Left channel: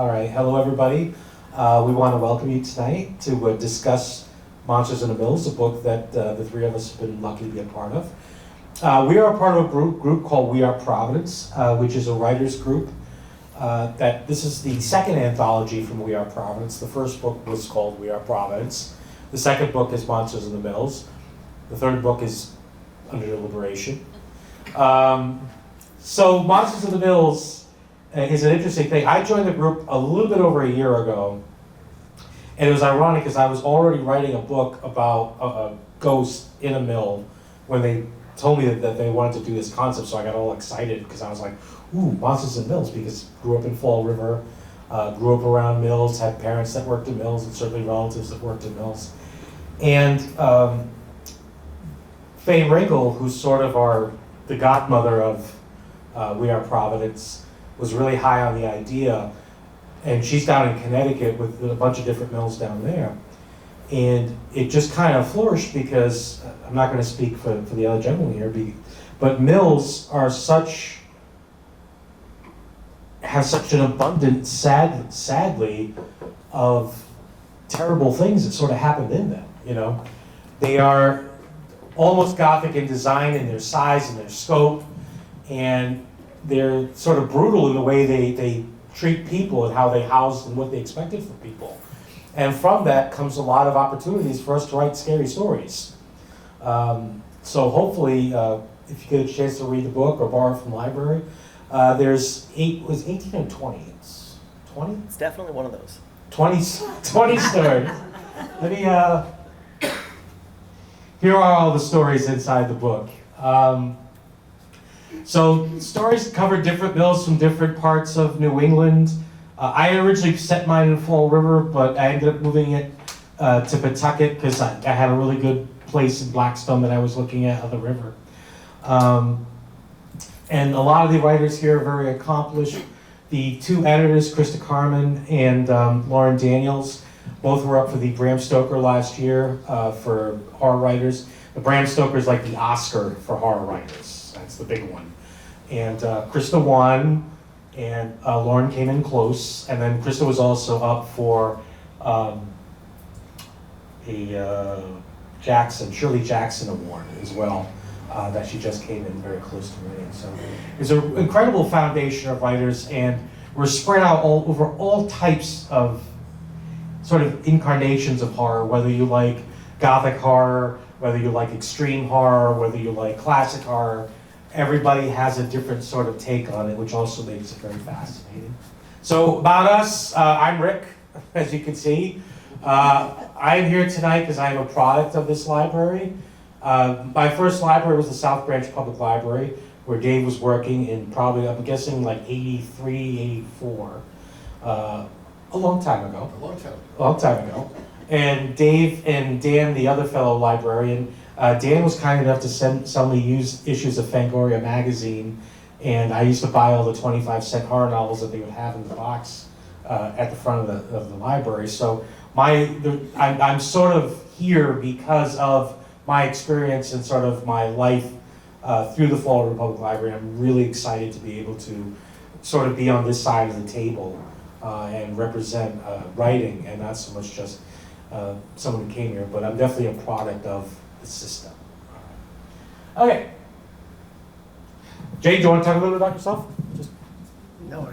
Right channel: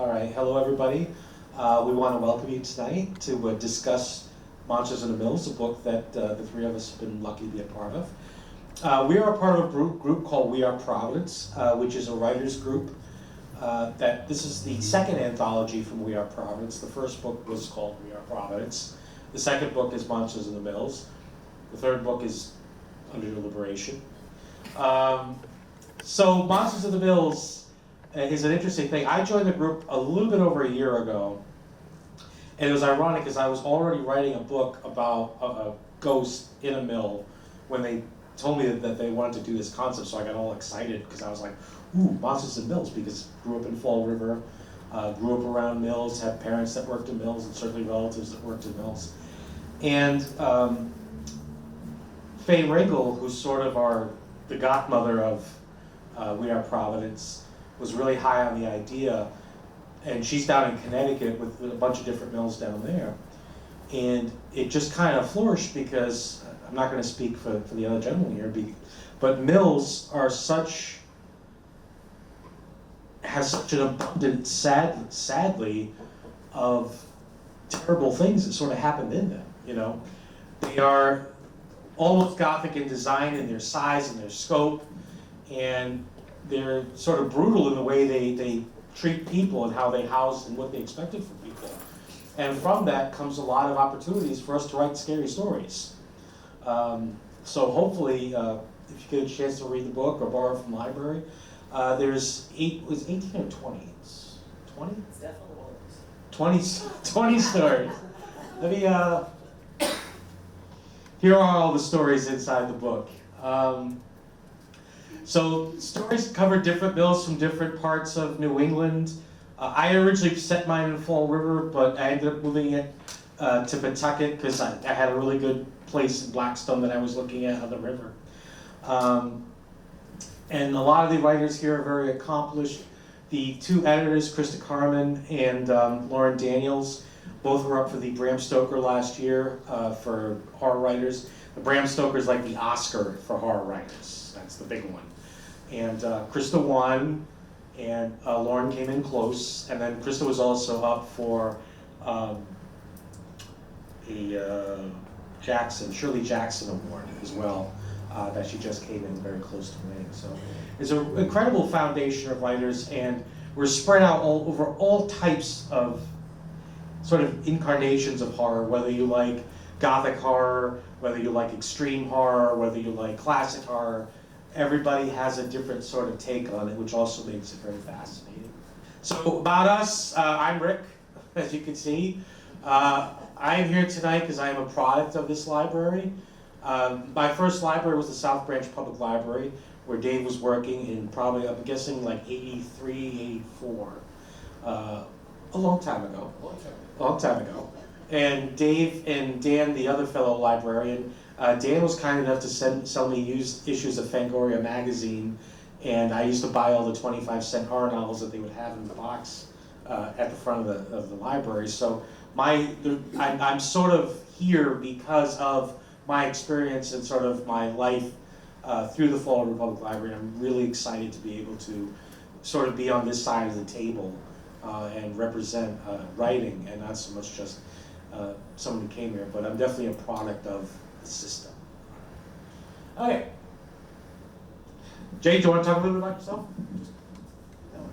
All right, hello everybody. We want to welcome you tonight to discuss Monsters in the Mills, a book that the three of us have been lucky to be a part of. We are a part of a group called We Are Providence, which is a writers group. This is the second anthology from We Are Providence. The first book was called We Are Providence. The second book is Monsters in the Mills. The third book is under deliberation. So Monsters in the Mills is an interesting thing. I joined the group a little bit over a year ago, and it was ironic because I was already writing a book about a ghost in a mill when they told me that they wanted to do this concept, so I got all excited because I was like, ooh, Monsters in Mills, because grew up in Fall River, grew up around mills, had parents that worked in mills, and certainly relatives that worked in mills. And Faye Ringel, who's sort of the godmother of We Are Providence, was really high on the idea, and she's down in Connecticut with a bunch of different mills down there. And it just kind of flourished because, I'm not going to speak for the other gentleman here, but mills are have such an abundance, sadly, of terrible things that sort of happened in them, you know? They are almost Gothic in design, in their size and their scope, and they're sort of brutal in the way they treat people and how they house and what they expected from people. And from that comes a lot of opportunities for us to write scary stories. So hopefully, if you get a chance to read the book or borrow it from the library, there's 18 or 20? It's 20? It's definitely one of those. 20 stories. Let me, here are all the stories inside the book. So stories cover different mills from different parts of New England. I originally set mine in Fall River, but I ended up moving it to Pawtucket because I had a really good place in Blackstone that I was looking at on the river. And a lot of the writers here are very accomplished. The two editors, Krista Carmen and Lauren Daniels, both were up for the Bram Stoker last year for horror writers. The Bram Stoker is like the Oscar for horror writers. That's the big one. And Krista won, and Lauren came in close. And then Krista was also up for a Shirley Jackson Award as well, that she just came in very close to winning. So there's an incredible foundation of writers, and we're spread out all over all types of sort of incarnations of horror, whether you like Gothic horror, whether you like extreme horror, whether you like classic horror. Everybody has a different sort of take on it, which also makes it very fascinating. So about us, I'm Rick, as you can see. I'm here tonight because I am a product of this library. My first library was the South Branch Public Library, where Dave was working in probably, I'm guessing, like 83, 84. A long time ago. A long time ago. And Dave and Dan, the other fellow librarian, Dan was kind enough to sell me used issues of Fangoria magazine, and I used to buy all the 25-cent horror novels that they would have in the box at the front of the library. So I'm sort of here because of my experience and sort of my life through the Fall River Public Library. I'm really excited to be able to sort of be on this side of the table and represent writing, and not so much just someone who came here, but I'm definitely a product of the system. Okay. Jay, do you want to talk a little bit about yourself? No,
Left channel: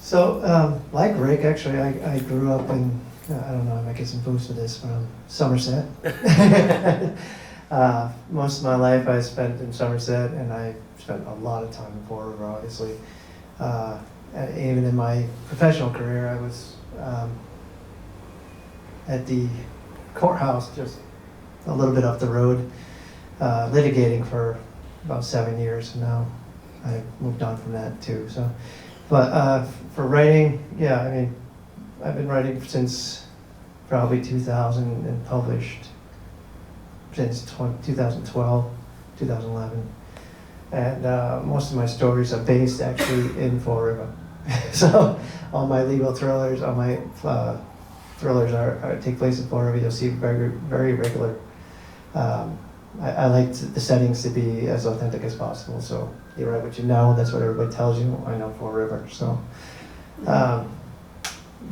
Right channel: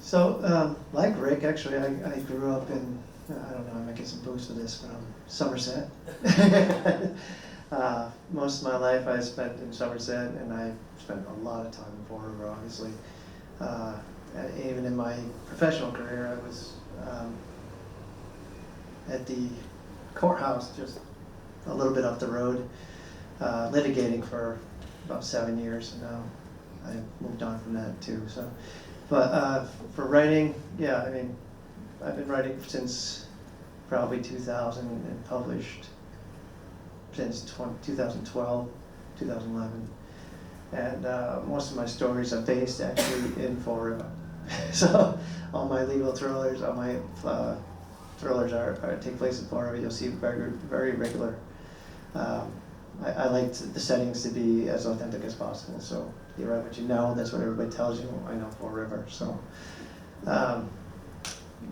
So, like Rick, actually, I grew up in, I don't know, I might get some boost for this, but Somerset. Most of my life I spent in Somerset, and I spent a lot of time in Fall River, obviously. Even in my professional career, I was at the courthouse just a little bit up the road, litigating for about 7 years, and now I moved on from that too. So, but for writing, yeah, I mean, I've been writing since probably 2000 and published since 2012, 2011. And most of my stories are based actually in Fall River. So all my legal thrillers, all my thrillers take place in Fall River. You'll see very, very regular. I like the settings to be as authentic as possible. So you write what you know, that's what everybody tells you. I know Fall River. So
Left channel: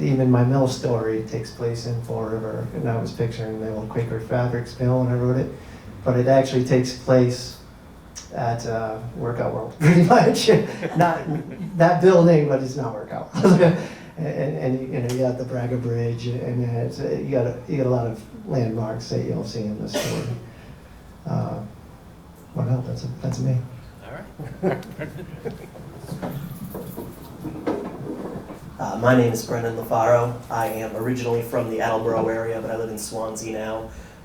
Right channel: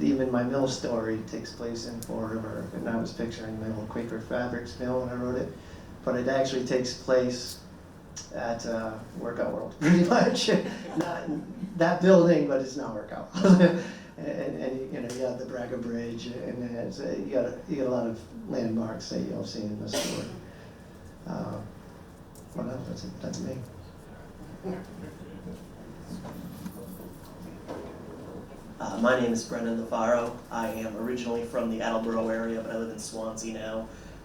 Even my mill story takes place in Fall River, and I was picturing the old Quaker Fabrics mill when I wrote it, but it actually takes place at Workout World, pretty much. Not that building, but it's not Workout. and you got the Braga Bridge, and then you got a lot of landmarks that you'll see in the story. Well, no, that's me. All right. My name is Brennan Lafaro. I am originally from the Attleboro area, but I live in Swansea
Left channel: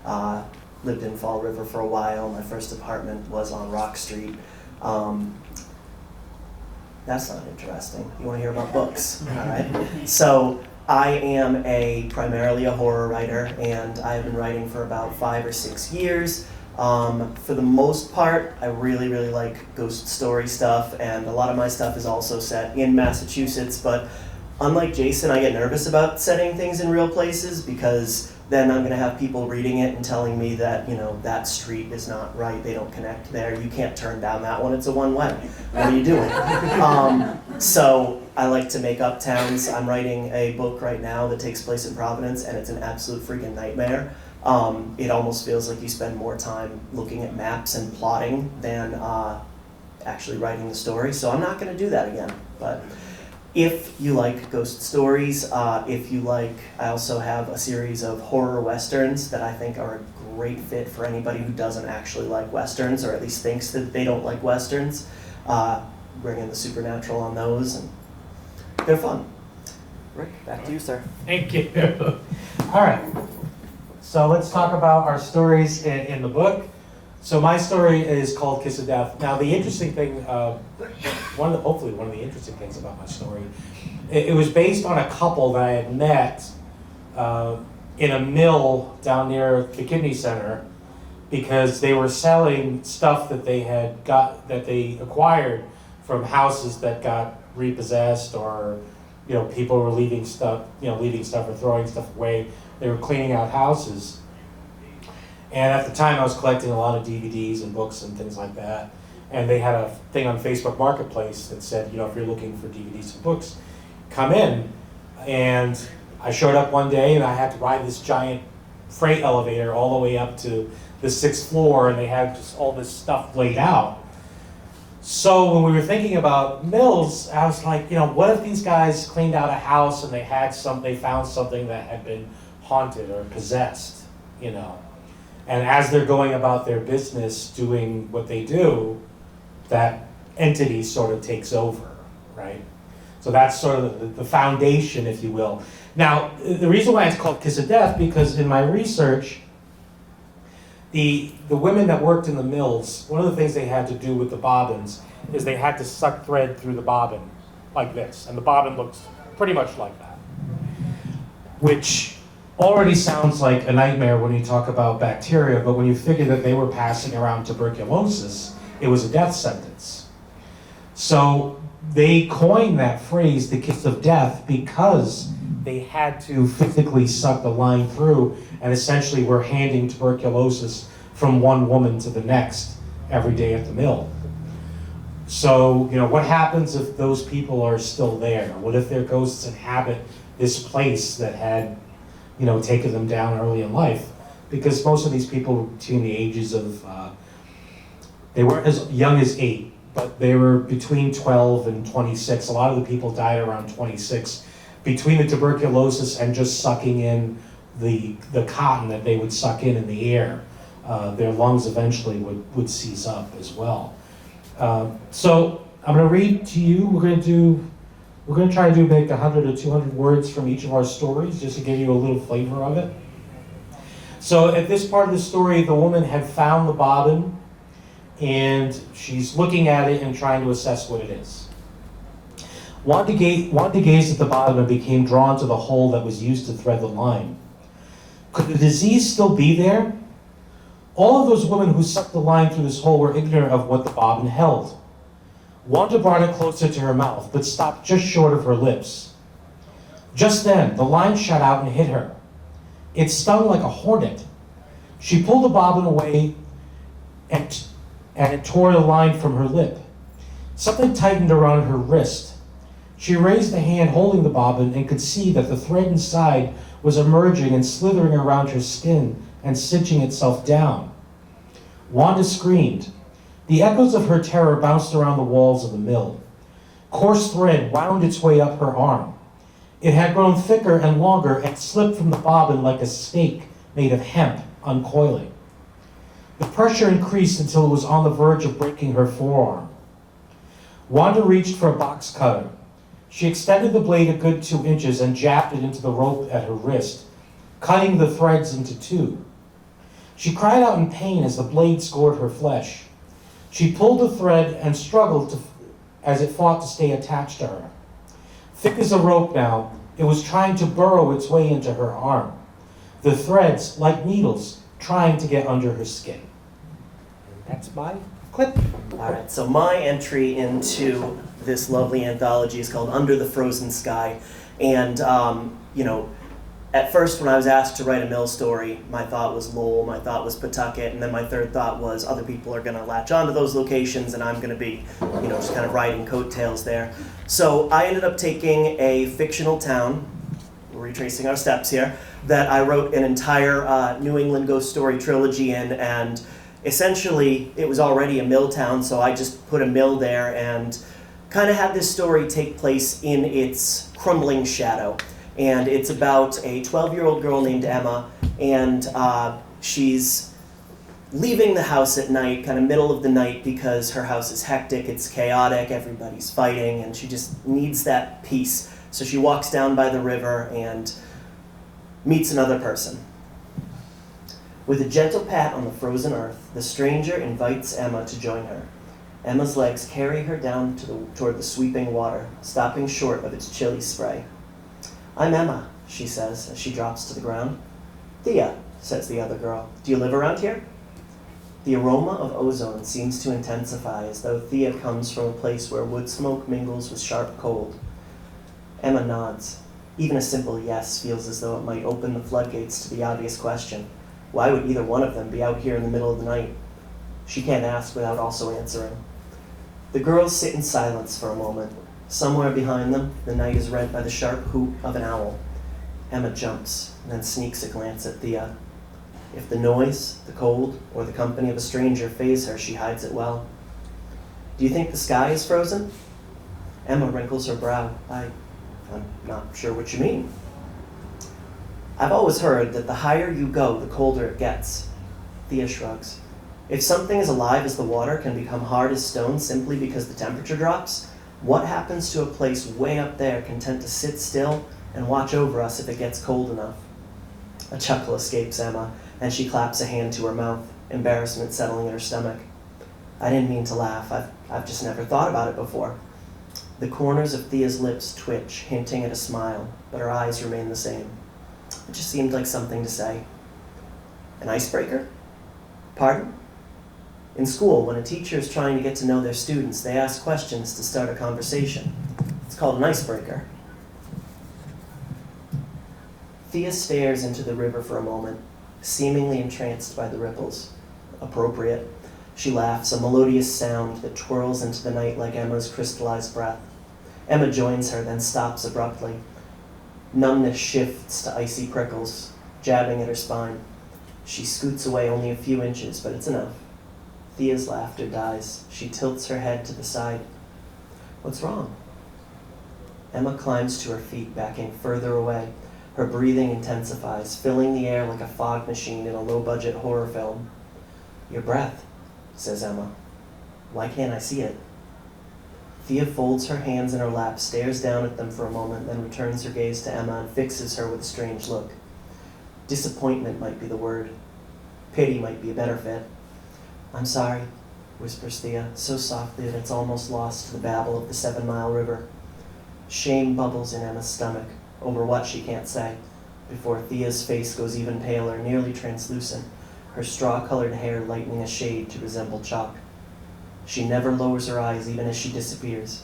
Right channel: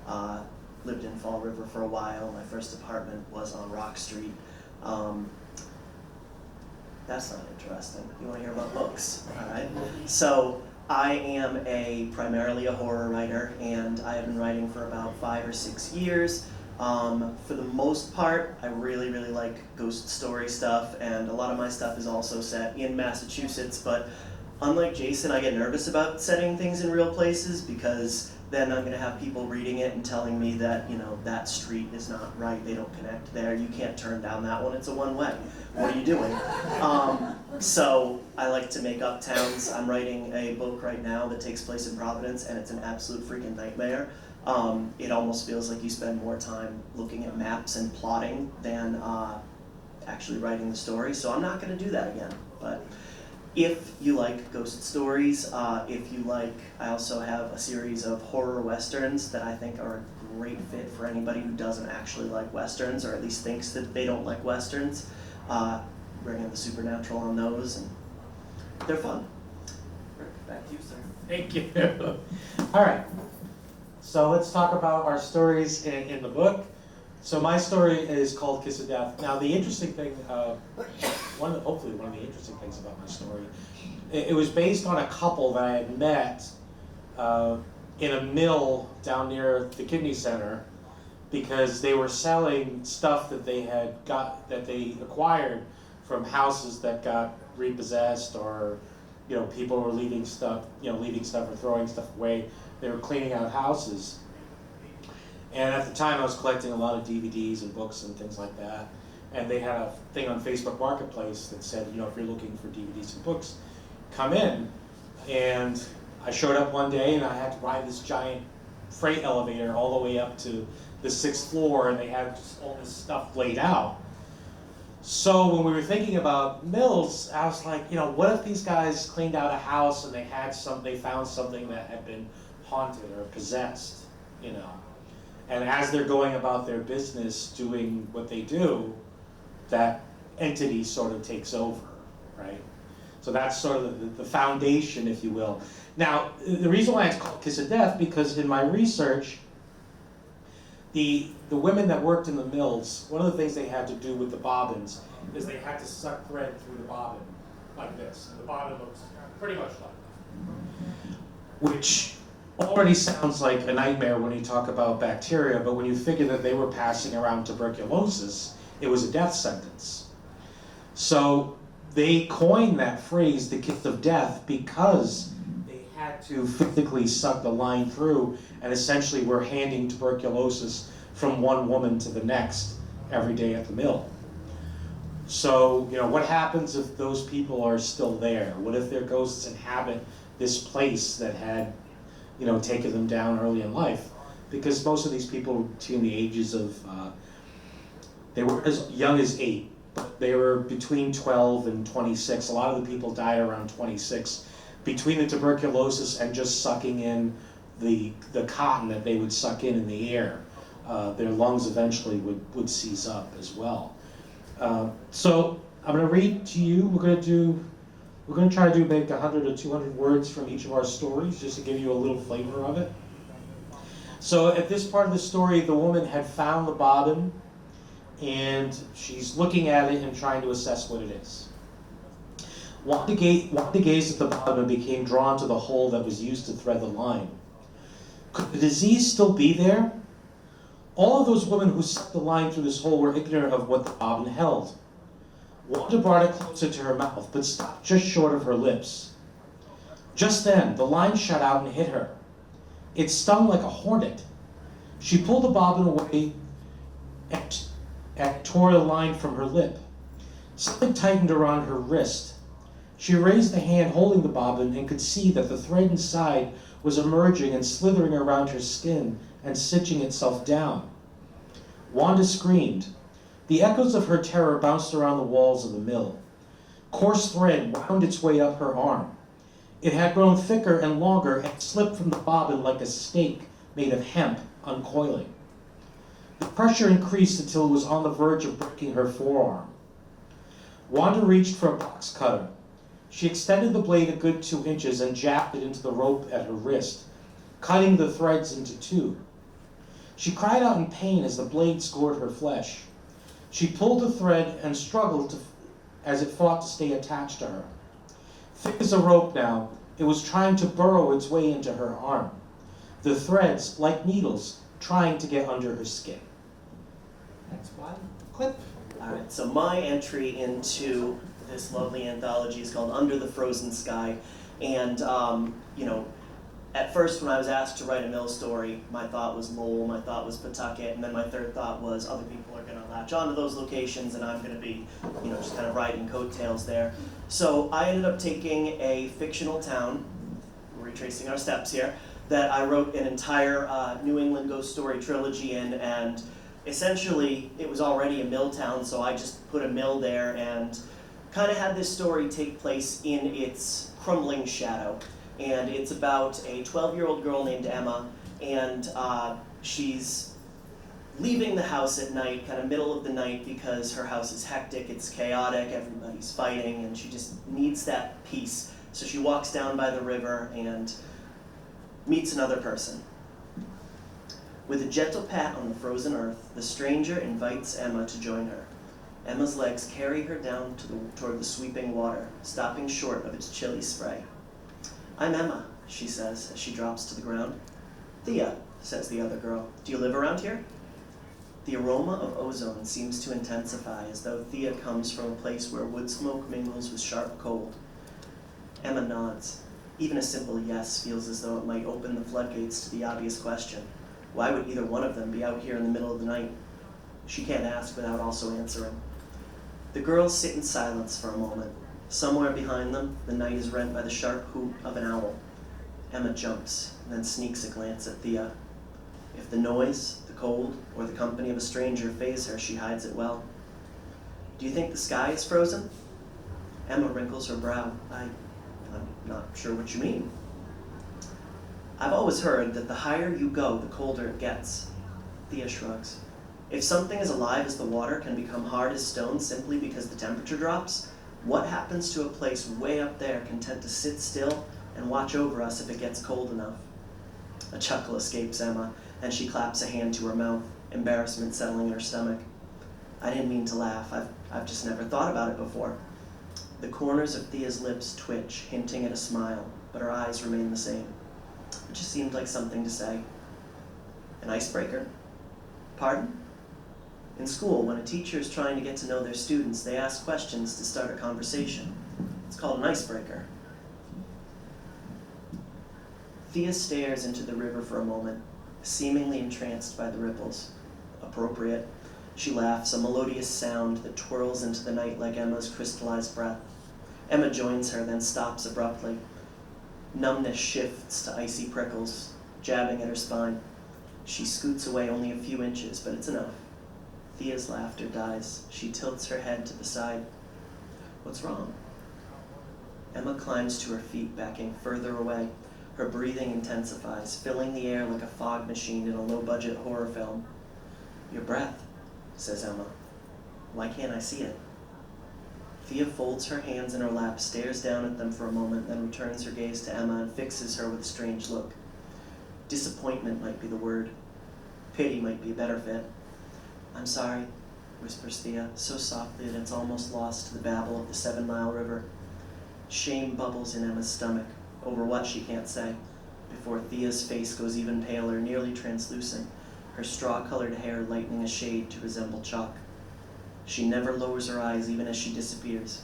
now. Lived in Fall River for a while. My first apartment was on Rock Street. That's not interesting. You want to hear about books? All right. So I am primarily a horror writer, and I have been writing for about 5 or 6 years. For the most part, I really, really like ghost story stuff, and a lot of my stuff is also set in Massachusetts, but unlike Jason, I get nervous about setting things in real places because then I'm going to have people reading it and telling me that, that street is not right, they don't connect there, you can't turn down that one, it's a one-way. What are you doing? So I like to make up towns. I'm writing a book right now that takes place in Providence, and it's an absolute freaking nightmare. It almost feels like you spend more time looking at maps and plotting than actually writing the story, so I'm not going to do that again. But if you like ghost stories, I also have a series of horror westerns that I think are a great fit for anybody who doesn't actually like westerns, or at least thinks that they don't like westerns. Bring in the supernatural on those, and they're fun. Rick, back to you, sir. Thank you. All right. So let's talk about our stories in the book. So my story is called Kiss of Death. Now the interesting thing, hopefully one of the interesting things about my story, it was based on a couple that I had met in a mill down near the Kidney Center, because they were selling stuff that they acquired from houses that got repossessed, or people were leaving stuff or throwing stuff away. They were cleaning out houses. And at the time I was collecting a lot of DVDs and books and things like that. And they had a thing on Facebook Marketplace that said, if you're looking for DVDs and books, come in. And I showed up one day and I had to ride this giant freight elevator all the way up to the 6th floor, and they had just all this stuff laid out. So when we were thinking about mills, I was like, what if these guys cleaned out a house and they found something that had been haunted or possessed, And as they're going about their business doing what they do, that entity sort of takes over, right? So that's sort of the foundation, if you will. Now, the reason why it's called Kiss of Death, because in my research, the women that worked in the mills, one of the things they had to do with the bobbins is they had to suck thread through the bobbin like this, and the bobbin looks pretty much like that, which already sounds like a nightmare when you talk about bacteria, but when you figure that they were passing around tuberculosis, it was a death sentence. So they coined that phrase, the kiss of death, because they had to physically suck the line through, and essentially were handing tuberculosis from one woman to the next every day at the mill. So, what happens if those people are still there? What if their ghosts inhabit this place that had taken them down early in life? Because most of these people were between the ages of, they weren't as young as 8, but they were between 12 and 26. A lot of the people died around 26, between the tuberculosis and just sucking in the cotton that they would suck in the air. Their lungs eventually would seize up as well. So I'm going to read to you. We're going to try to make 100 or 200 words from each of our stories, just to give you a little flavor of it. So at this part of the story, the woman had found the bobbin, and she's looking at it and trying to assess what it is. Wanted to gaze at the bobbin and became drawn to the hole that was used to thread the line. Could the disease still be there? All of those women who sucked the line through this hole were ignorant of what the bobbin held. Wanda brought it closer to her mouth, but stopped just short of her lips. Just then, the line shot out and hit her. It stung like a hornet. She pulled the bobbin away and it tore the line from her lip. Something tightened around her wrist. She raised a hand holding the bobbin and could see that the thread inside was emerging and slithering around her skin and cinching itself down. Wanda screamed. The echoes of her terror bounced around the walls of the mill. Coarse thread wound its way up her arm. It had grown thicker and longer and slipped from the bobbin like a snake made of hemp uncoiling. The pressure increased until it was on the verge of breaking her forearm. Wanda reached for a box cutter. She extended the blade a good 2 inches and jabbed it into the rope at her wrist, cutting the threads into 2. She cried out in pain as the blade scored her flesh. She pulled the thread and struggled as it fought to stay attached to her. Thick as a rope now, it was trying to burrow its way into her arm. The threads, like needles, trying to get under her skin. That's my clip. All right, so my entry into this lovely anthology is called Under the Frozen Sky. And, at first when I was asked to write a mill story, my thought was Lowell, my thought was Pawtucket, and then my third thought was other people are going to latch onto those locations and I'm going to be, just kind of riding coattails there. So I ended up taking a fictional town, retracing our steps here, that I wrote an entire New England ghost story trilogy in, and essentially it was already a mill town, so I just put a mill there and kind of had this story take place in its crumbling shadow. And it's about a 12-year-old girl named Emma, and she's leaving the house at night, kind of middle of the night, because her house is hectic, it's chaotic, everybody's fighting, and she just needs that peace. So she walks down by the river and meets another person. With a gentle pat on the frozen earth, the stranger invites Emma to join her. Emma's legs carry her down toward the sweeping water, stopping short of its chilly spray. "I'm Emma," she says as she drops to the ground. "Thea," says the other girl. "Do you live around here?" The aroma of ozone seems to intensify as though Thea comes from a place where wood smoke mingles with sharp cold. Emma nods. Even a simple yes feels as though it might open the floodgates to the obvious question. Why would either one of them be out here in the middle of the night? She can't ask without also answering. The girls sit in silence for a moment. Somewhere behind them, the night is rent by the sharp hoot of an owl. Emma jumps, then sneaks a glance at Thea. If the noise, the cold, or the company of a stranger faze her, she hides it well. "Do you think the sky is frozen?" Emma wrinkles her brow. I'm not sure what you mean." "I've always heard that the higher you go, the colder it gets." Thea shrugs. "If something as alive as the water can become hard as stone simply because the temperature drops, what happens to a place way up there content to sit still and watch over us if it gets cold enough?" A chuckle escapes Emma, and she claps a hand to her mouth, embarrassment settling in her stomach. "I didn't mean to laugh. I've just never thought about it before." The corners of Thea's lips twitch, hinting at a smile, but her eyes remain the same. It just seemed like something to say. "An icebreaker?" "Pardon?" In school, when a teacher is trying to get to know their students, they ask questions to start a conversation. It's called an icebreaker. Thea stares into the river for a moment, seemingly entranced by the ripples. Appropriate. She laughs, a melodious sound that twirls into the night like Emma's crystallized breath. Emma joins her, then stops abruptly. Numbness shifts to icy prickles, jabbing at her spine. She scoots away only a few inches, but it's enough. Thea's laughter dies. She tilts her head to the side. "What's wrong?" Emma climbs to her feet, backing further away. Her breathing intensifies, filling the air like a fog machine in a low-budget horror film. "Your breath," says Emma. "Why can't I see it?" Thea folds her hands in her lap, stares down at them for a moment, then returns her gaze to Emma and fixes her with a strange look. Disappointment might be the word. Pity might be a better fit. "I'm sorry," whispers Thea, so softly that it's almost lost to the babble of the 7-mile river. Shame bubbles in Emma's stomach over what she can't say, before Thea's face goes even paler, nearly translucent, her straw-colored hair lightening a shade to resemble chalk. She never lowers her eyes even as she disappears,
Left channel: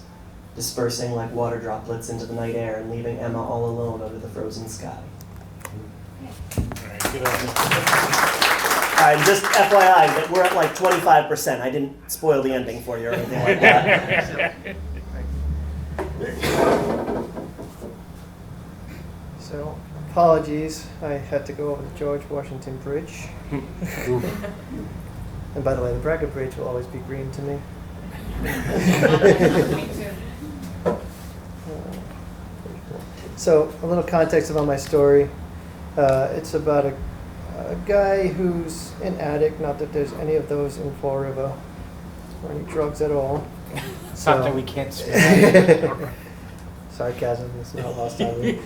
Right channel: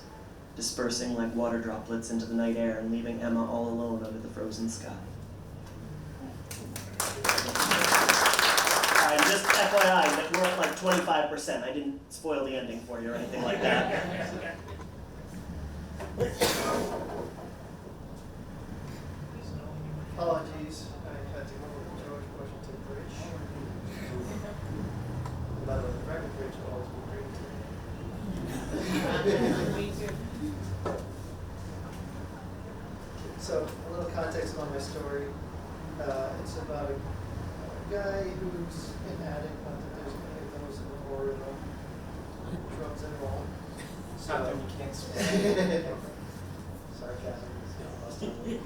dispersing like water droplets into the night air and leaving Emma all alone under the frozen sky. All right, just FYI, that we're at like 25%. I didn't spoil the ending for you or anything like that. So, apologies, I had to go over the George Washington Bridge. And by the way, the Braga Bridge will always be green to me. Me too. So, a little context about my story. It's about a guy who's an addict, not that there's any of those in Fall River, or any drugs at all. Something we can't speak. Sarcasm is not lost on me.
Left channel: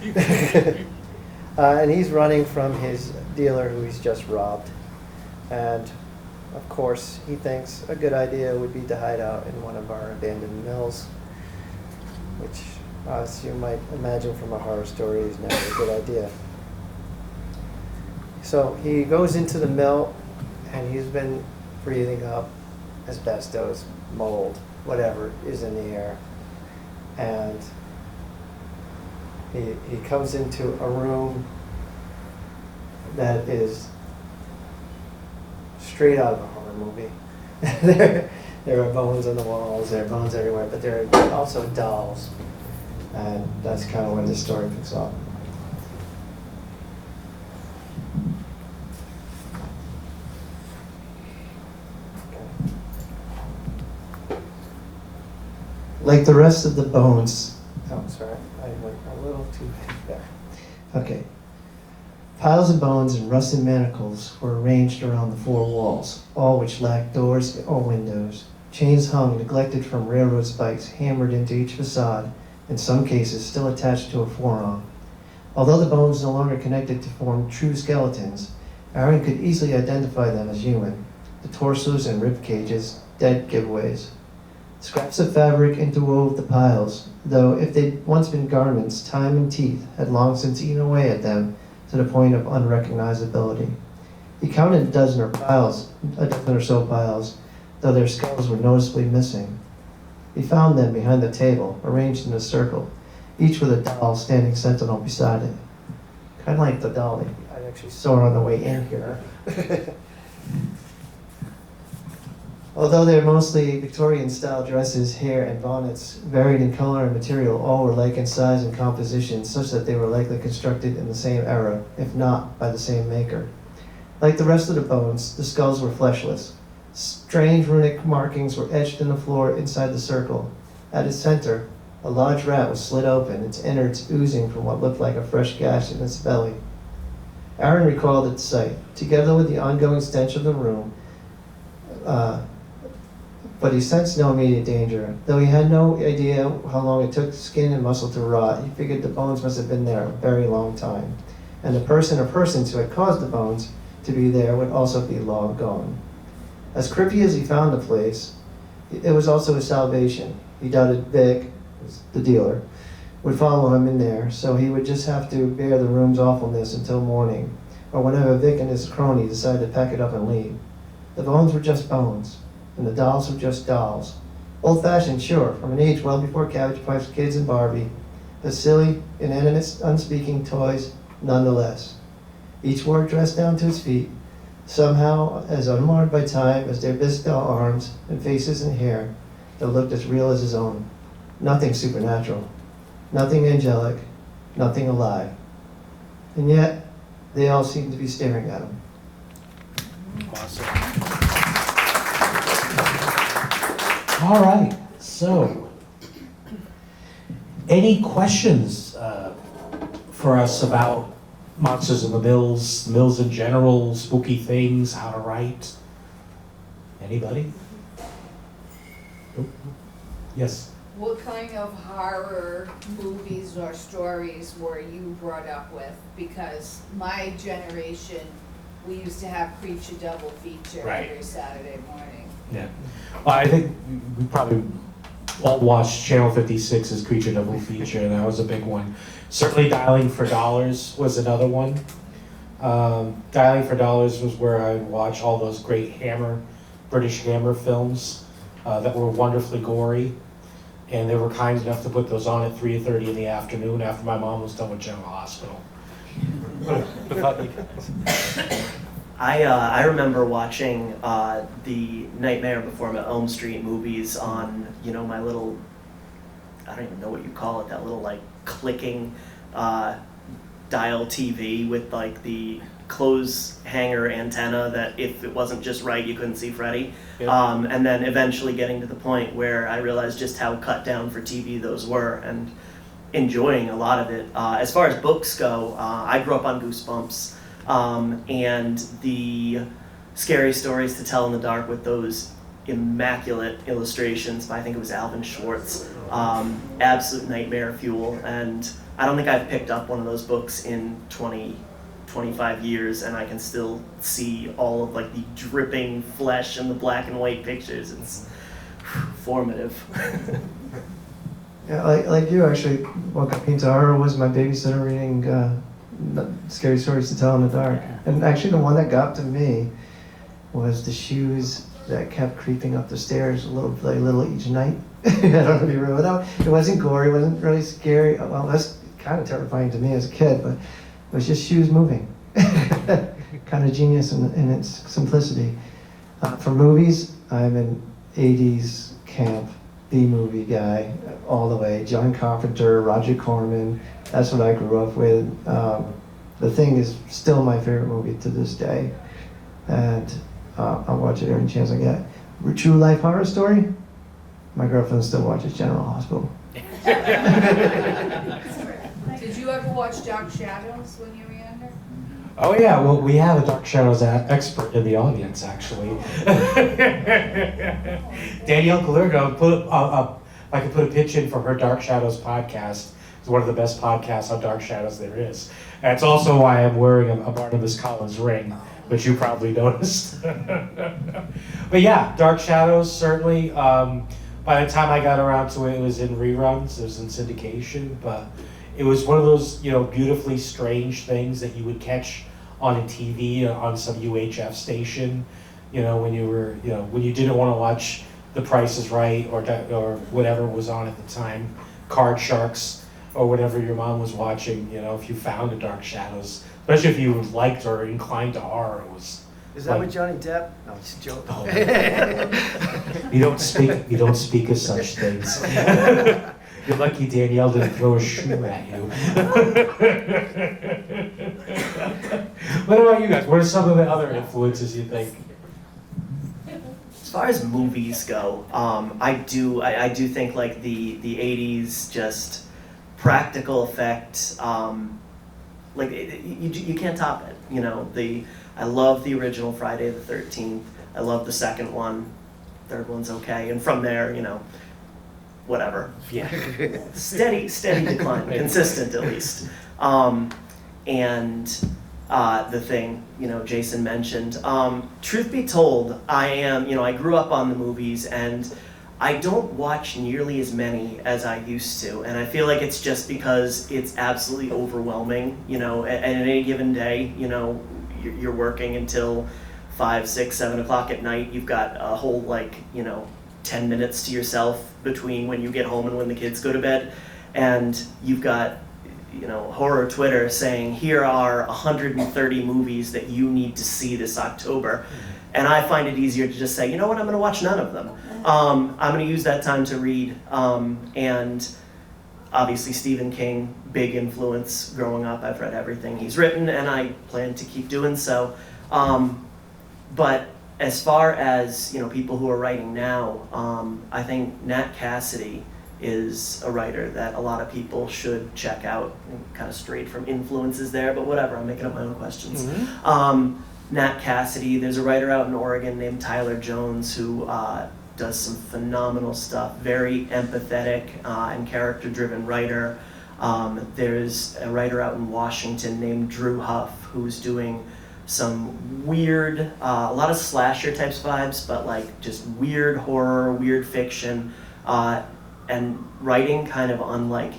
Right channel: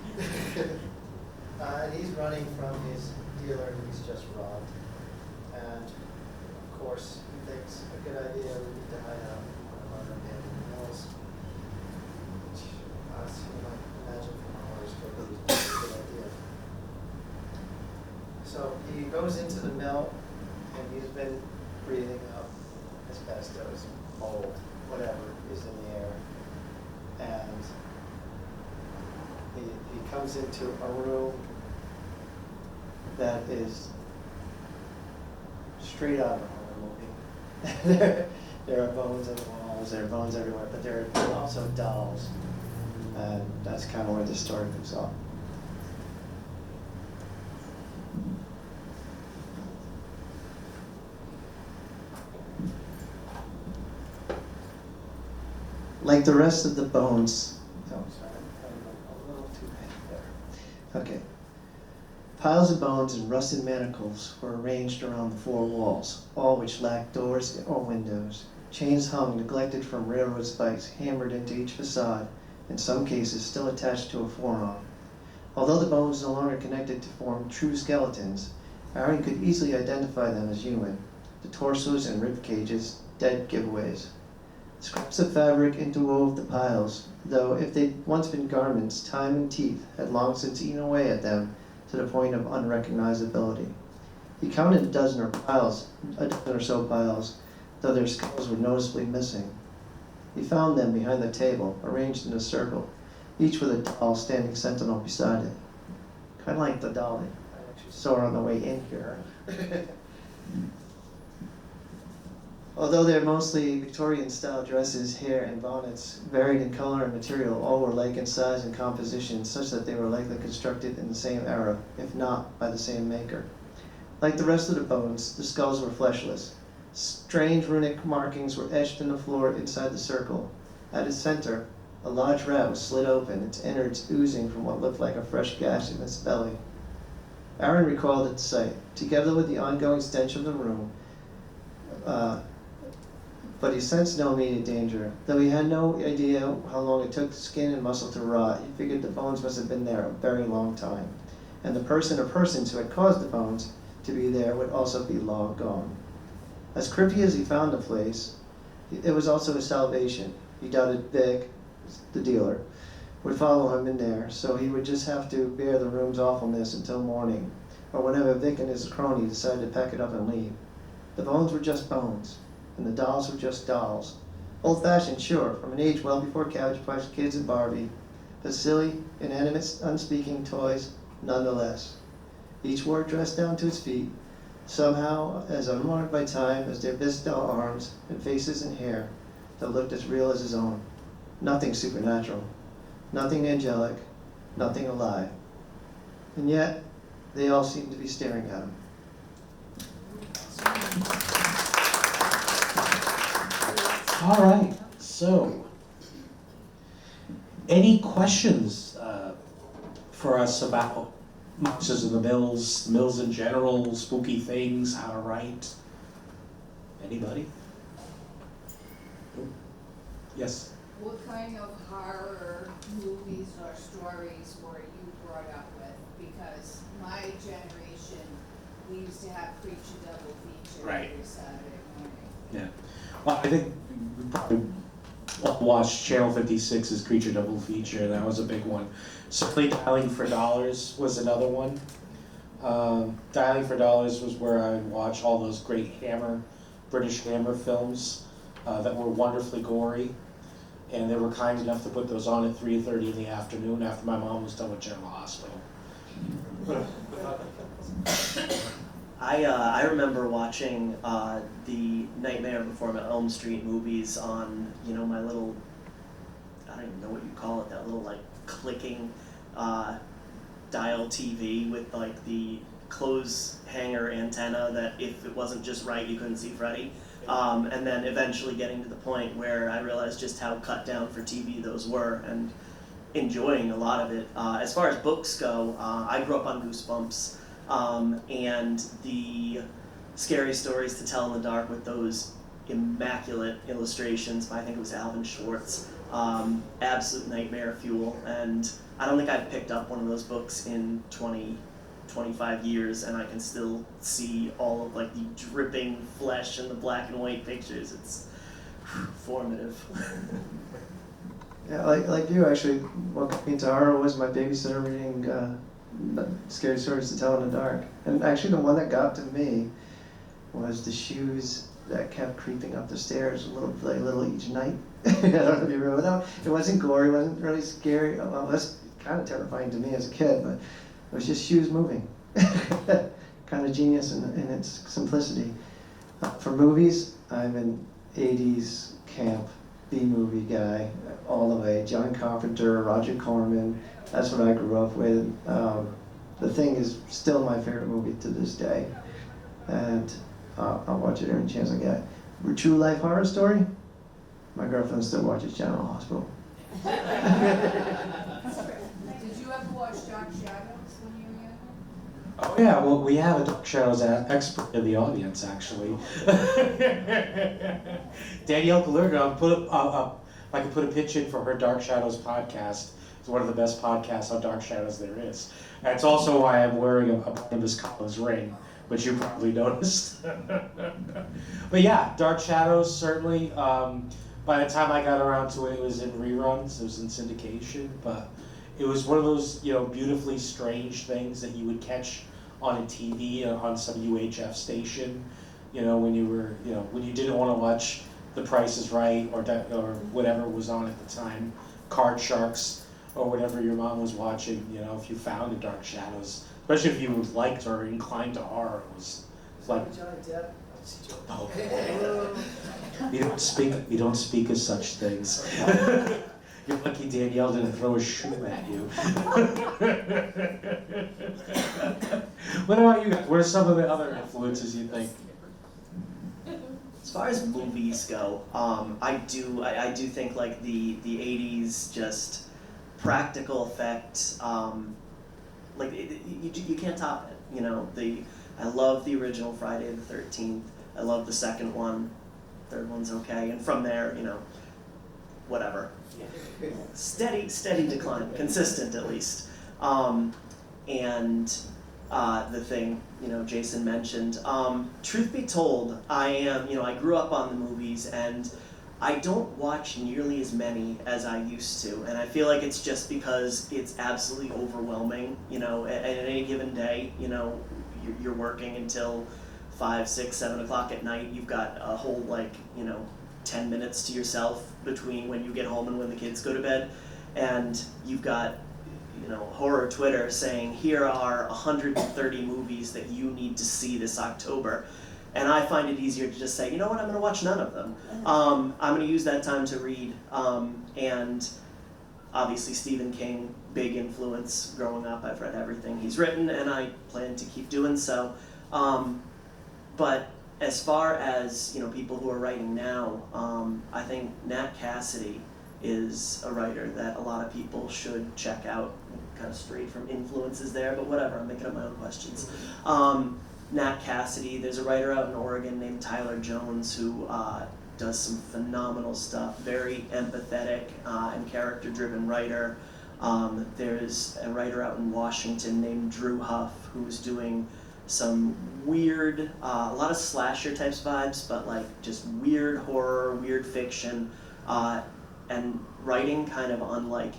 And he's running from his dealer who he's just robbed. And of course, he thinks a good idea would be to hide out in one of our abandoned mills, which, as you might imagine from a horror story, is never a good idea. So he goes into the mill, and he's been breathing up asbestos, mold, whatever is in the air. And he comes into a room that is straight out of a horror movie. There are bones on the walls, there are bones everywhere, but there are also dolls. And that's kind of where the story picks up. Like the rest of the bones, oh, sorry, I went a little too there. Okay. Piles of bones and rusted manacles were arranged around the four walls, all which lacked doors or windows. Chains hung, neglected from railroad spikes, hammered into each facade, in some cases still attached to a forearm. Although the bones no longer connected to form true skeletons, Aaron could easily identify them as human. The torsos and rib cages, dead giveaways. Scraps of fabric interwove the piles, though if they'd once been garments, time and teeth had long since eaten away at them to the point of unrecognizability. He counted a dozen or so piles, though their skulls were noticeably missing. He found them behind the table, arranged in a circle, each with a doll standing sentinel beside it. Kind of like the dolly I actually saw on the way in here. Although they're mostly Victorian-style dresses, hair, and bonnets, varied in color and material, all were alike in size and composition, such that they were likely constructed in the same era, if not by the same maker. Like the rest of the bones, the skulls were fleshless. Strange runic markings were etched in the floor inside the circle. At its center, a large rat was slit open, its innards oozing from what looked like a fresh gash in its belly. Aaron recoiled at the sight, together with the ongoing stench of the room, but he sensed no immediate danger. Though he had no idea how long it took skin and muscle to rot, he figured the bones must have been there a very long time, and the person or persons who had caused the bones to be there would also be long gone. As creepy as he found the place, it was also his salvation. He doubted Vic, the dealer, would follow him in there, so he would just have to bear the room's awfulness until morning, or whenever Vic and his crony decided to pack it up and leave. The bones were just bones, and the dolls were just dolls. Old-fashioned, sure, from an age well before Cabbage Patch Kids and Barbie, but silly, inanimate, unspeaking toys nonetheless. Each wore a dress down to its feet, somehow as unmarred by time as their bisque doll arms and faces and hair that looked as real as his own. Nothing supernatural, nothing angelic, nothing alive. And yet, they all seemed to be staring at him. Awesome. All right, so any questions for us about Monsters in the Mills in general, spooky things, how to write? Anybody? Nope. Yes. What kind of horror movies or stories were you brought up with? Because my generation, we used to have Creature Double Feature Right. every Saturday morning. Yeah. Well, I think we probably all watched Channel 56's Creature Double Feature, and that was a big one. Certainly Dialing for Dollars was another one. Dialing for Dollars was where I would watch all those great British Hammer films that were wonderfully gory. And they were kind enough to put those on at 3:30 in the afternoon after my mom was done with General Hospital. I remember watching the Nightmare Before Elm Street movies on, my little I don't even know what you call it, that little like clicking dial TV with like the clothes hanger antenna that if it wasn't just right, you couldn't see Freddy. Yeah. And then eventually getting to the point where I realized just how cut down for TV those were, and enjoying a lot of it. As far as books go, I grew up on Goosebumps, and the Scary Stories to Tell in the Dark with those immaculate illustrations by, I think it was Alvin Schwartz. Absolute nightmare fuel, and I don't think I've picked up one of those books in 25 years, and I can still see all of like the dripping flesh and the black and white pictures. It's formative. Yeah, like you actually, what got me into horror was my babysitter reading Scary Stories to Tell in the Dark. And actually the one that got to me was the shoes that kept creeping up the stairs a little each night. I don't know if you remember that. It wasn't gory, it wasn't really scary. Well, that's kind of terrifying to me as a kid, but it was just shoes moving. Kind of genius in its simplicity. For movies, I'm an 80s camp B-movie guy all the way. John Carpenter, Roger Corman, that's what I grew up with. The Thing is still my favorite movie to this day, and I'll watch it every chance I get. True Life Horror Story, my girlfriend still watches General Hospital. Did you ever watch Dark Shadows when you were younger? Oh yeah, well we have a Dark Shadows expert in the audience actually. Danielle Galergo, I could put a pitch in for her Dark Shadows podcast. It's one of the best podcasts on Dark Shadows there is. And it's also why I'm wearing a Barnabas Collins ring, which you probably noticed. But yeah, Dark Shadows, certainly. By the time I got around to it, it was in reruns, it was in syndication, but it was one of those, beautifully strange things that you would catch on a TV, on some UHF station, when you were, when you didn't want to watch The Price is Right or whatever was on at the time, Card Sharks or whatever your mom was watching, if you found a Dark Shadows, especially if you liked or inclined to horror, it was. Is that with Johnny Depp? No, just joking. Oh. You don't speak of such things. You're lucky Danielle didn't throw a shoe at you. What about you guys? What are some of the other influences you think? As far as movies go, I do think like the 80s just practical effect, you can't top it. I love the original Friday the 13th. I love the second one. Third one's okay, and from there, whatever. Yeah. Steady decline, consistent at least. And the Thing, Jason mentioned. Truth be told, I grew up on the movies, and I don't watch nearly as many as I used to, and I feel like it's just because it's absolutely overwhelming. At any given day, you're working until 5, 6, 7 o'clock at night. You've got a whole 10 minutes to yourself between when you get home and when the kids go to bed, and you've got horror Twitter saying here are 130 movies that you need to see this October, and I find it easier to just say, you know what, I'm going to watch none of them. I'm going to use that time to read, and obviously Stephen King, big influence growing up. I've read everything he's written, and I plan to keep doing so. But as far as people who are writing now, I think Nat Cassidy is a writer that a lot of people should check out. Kind of strayed from influences there, but whatever. I'm making up my own questions. Mm-hmm. Nat Cassidy. There's a writer out in Oregon named Tyler Jones who does some phenomenal stuff. Very empathetic and character-driven writer. There's a writer out in Washington named Drew Huff who's doing some weird, a lot of slasher types vibes, but just weird horror, weird fiction, and writing kind of unlike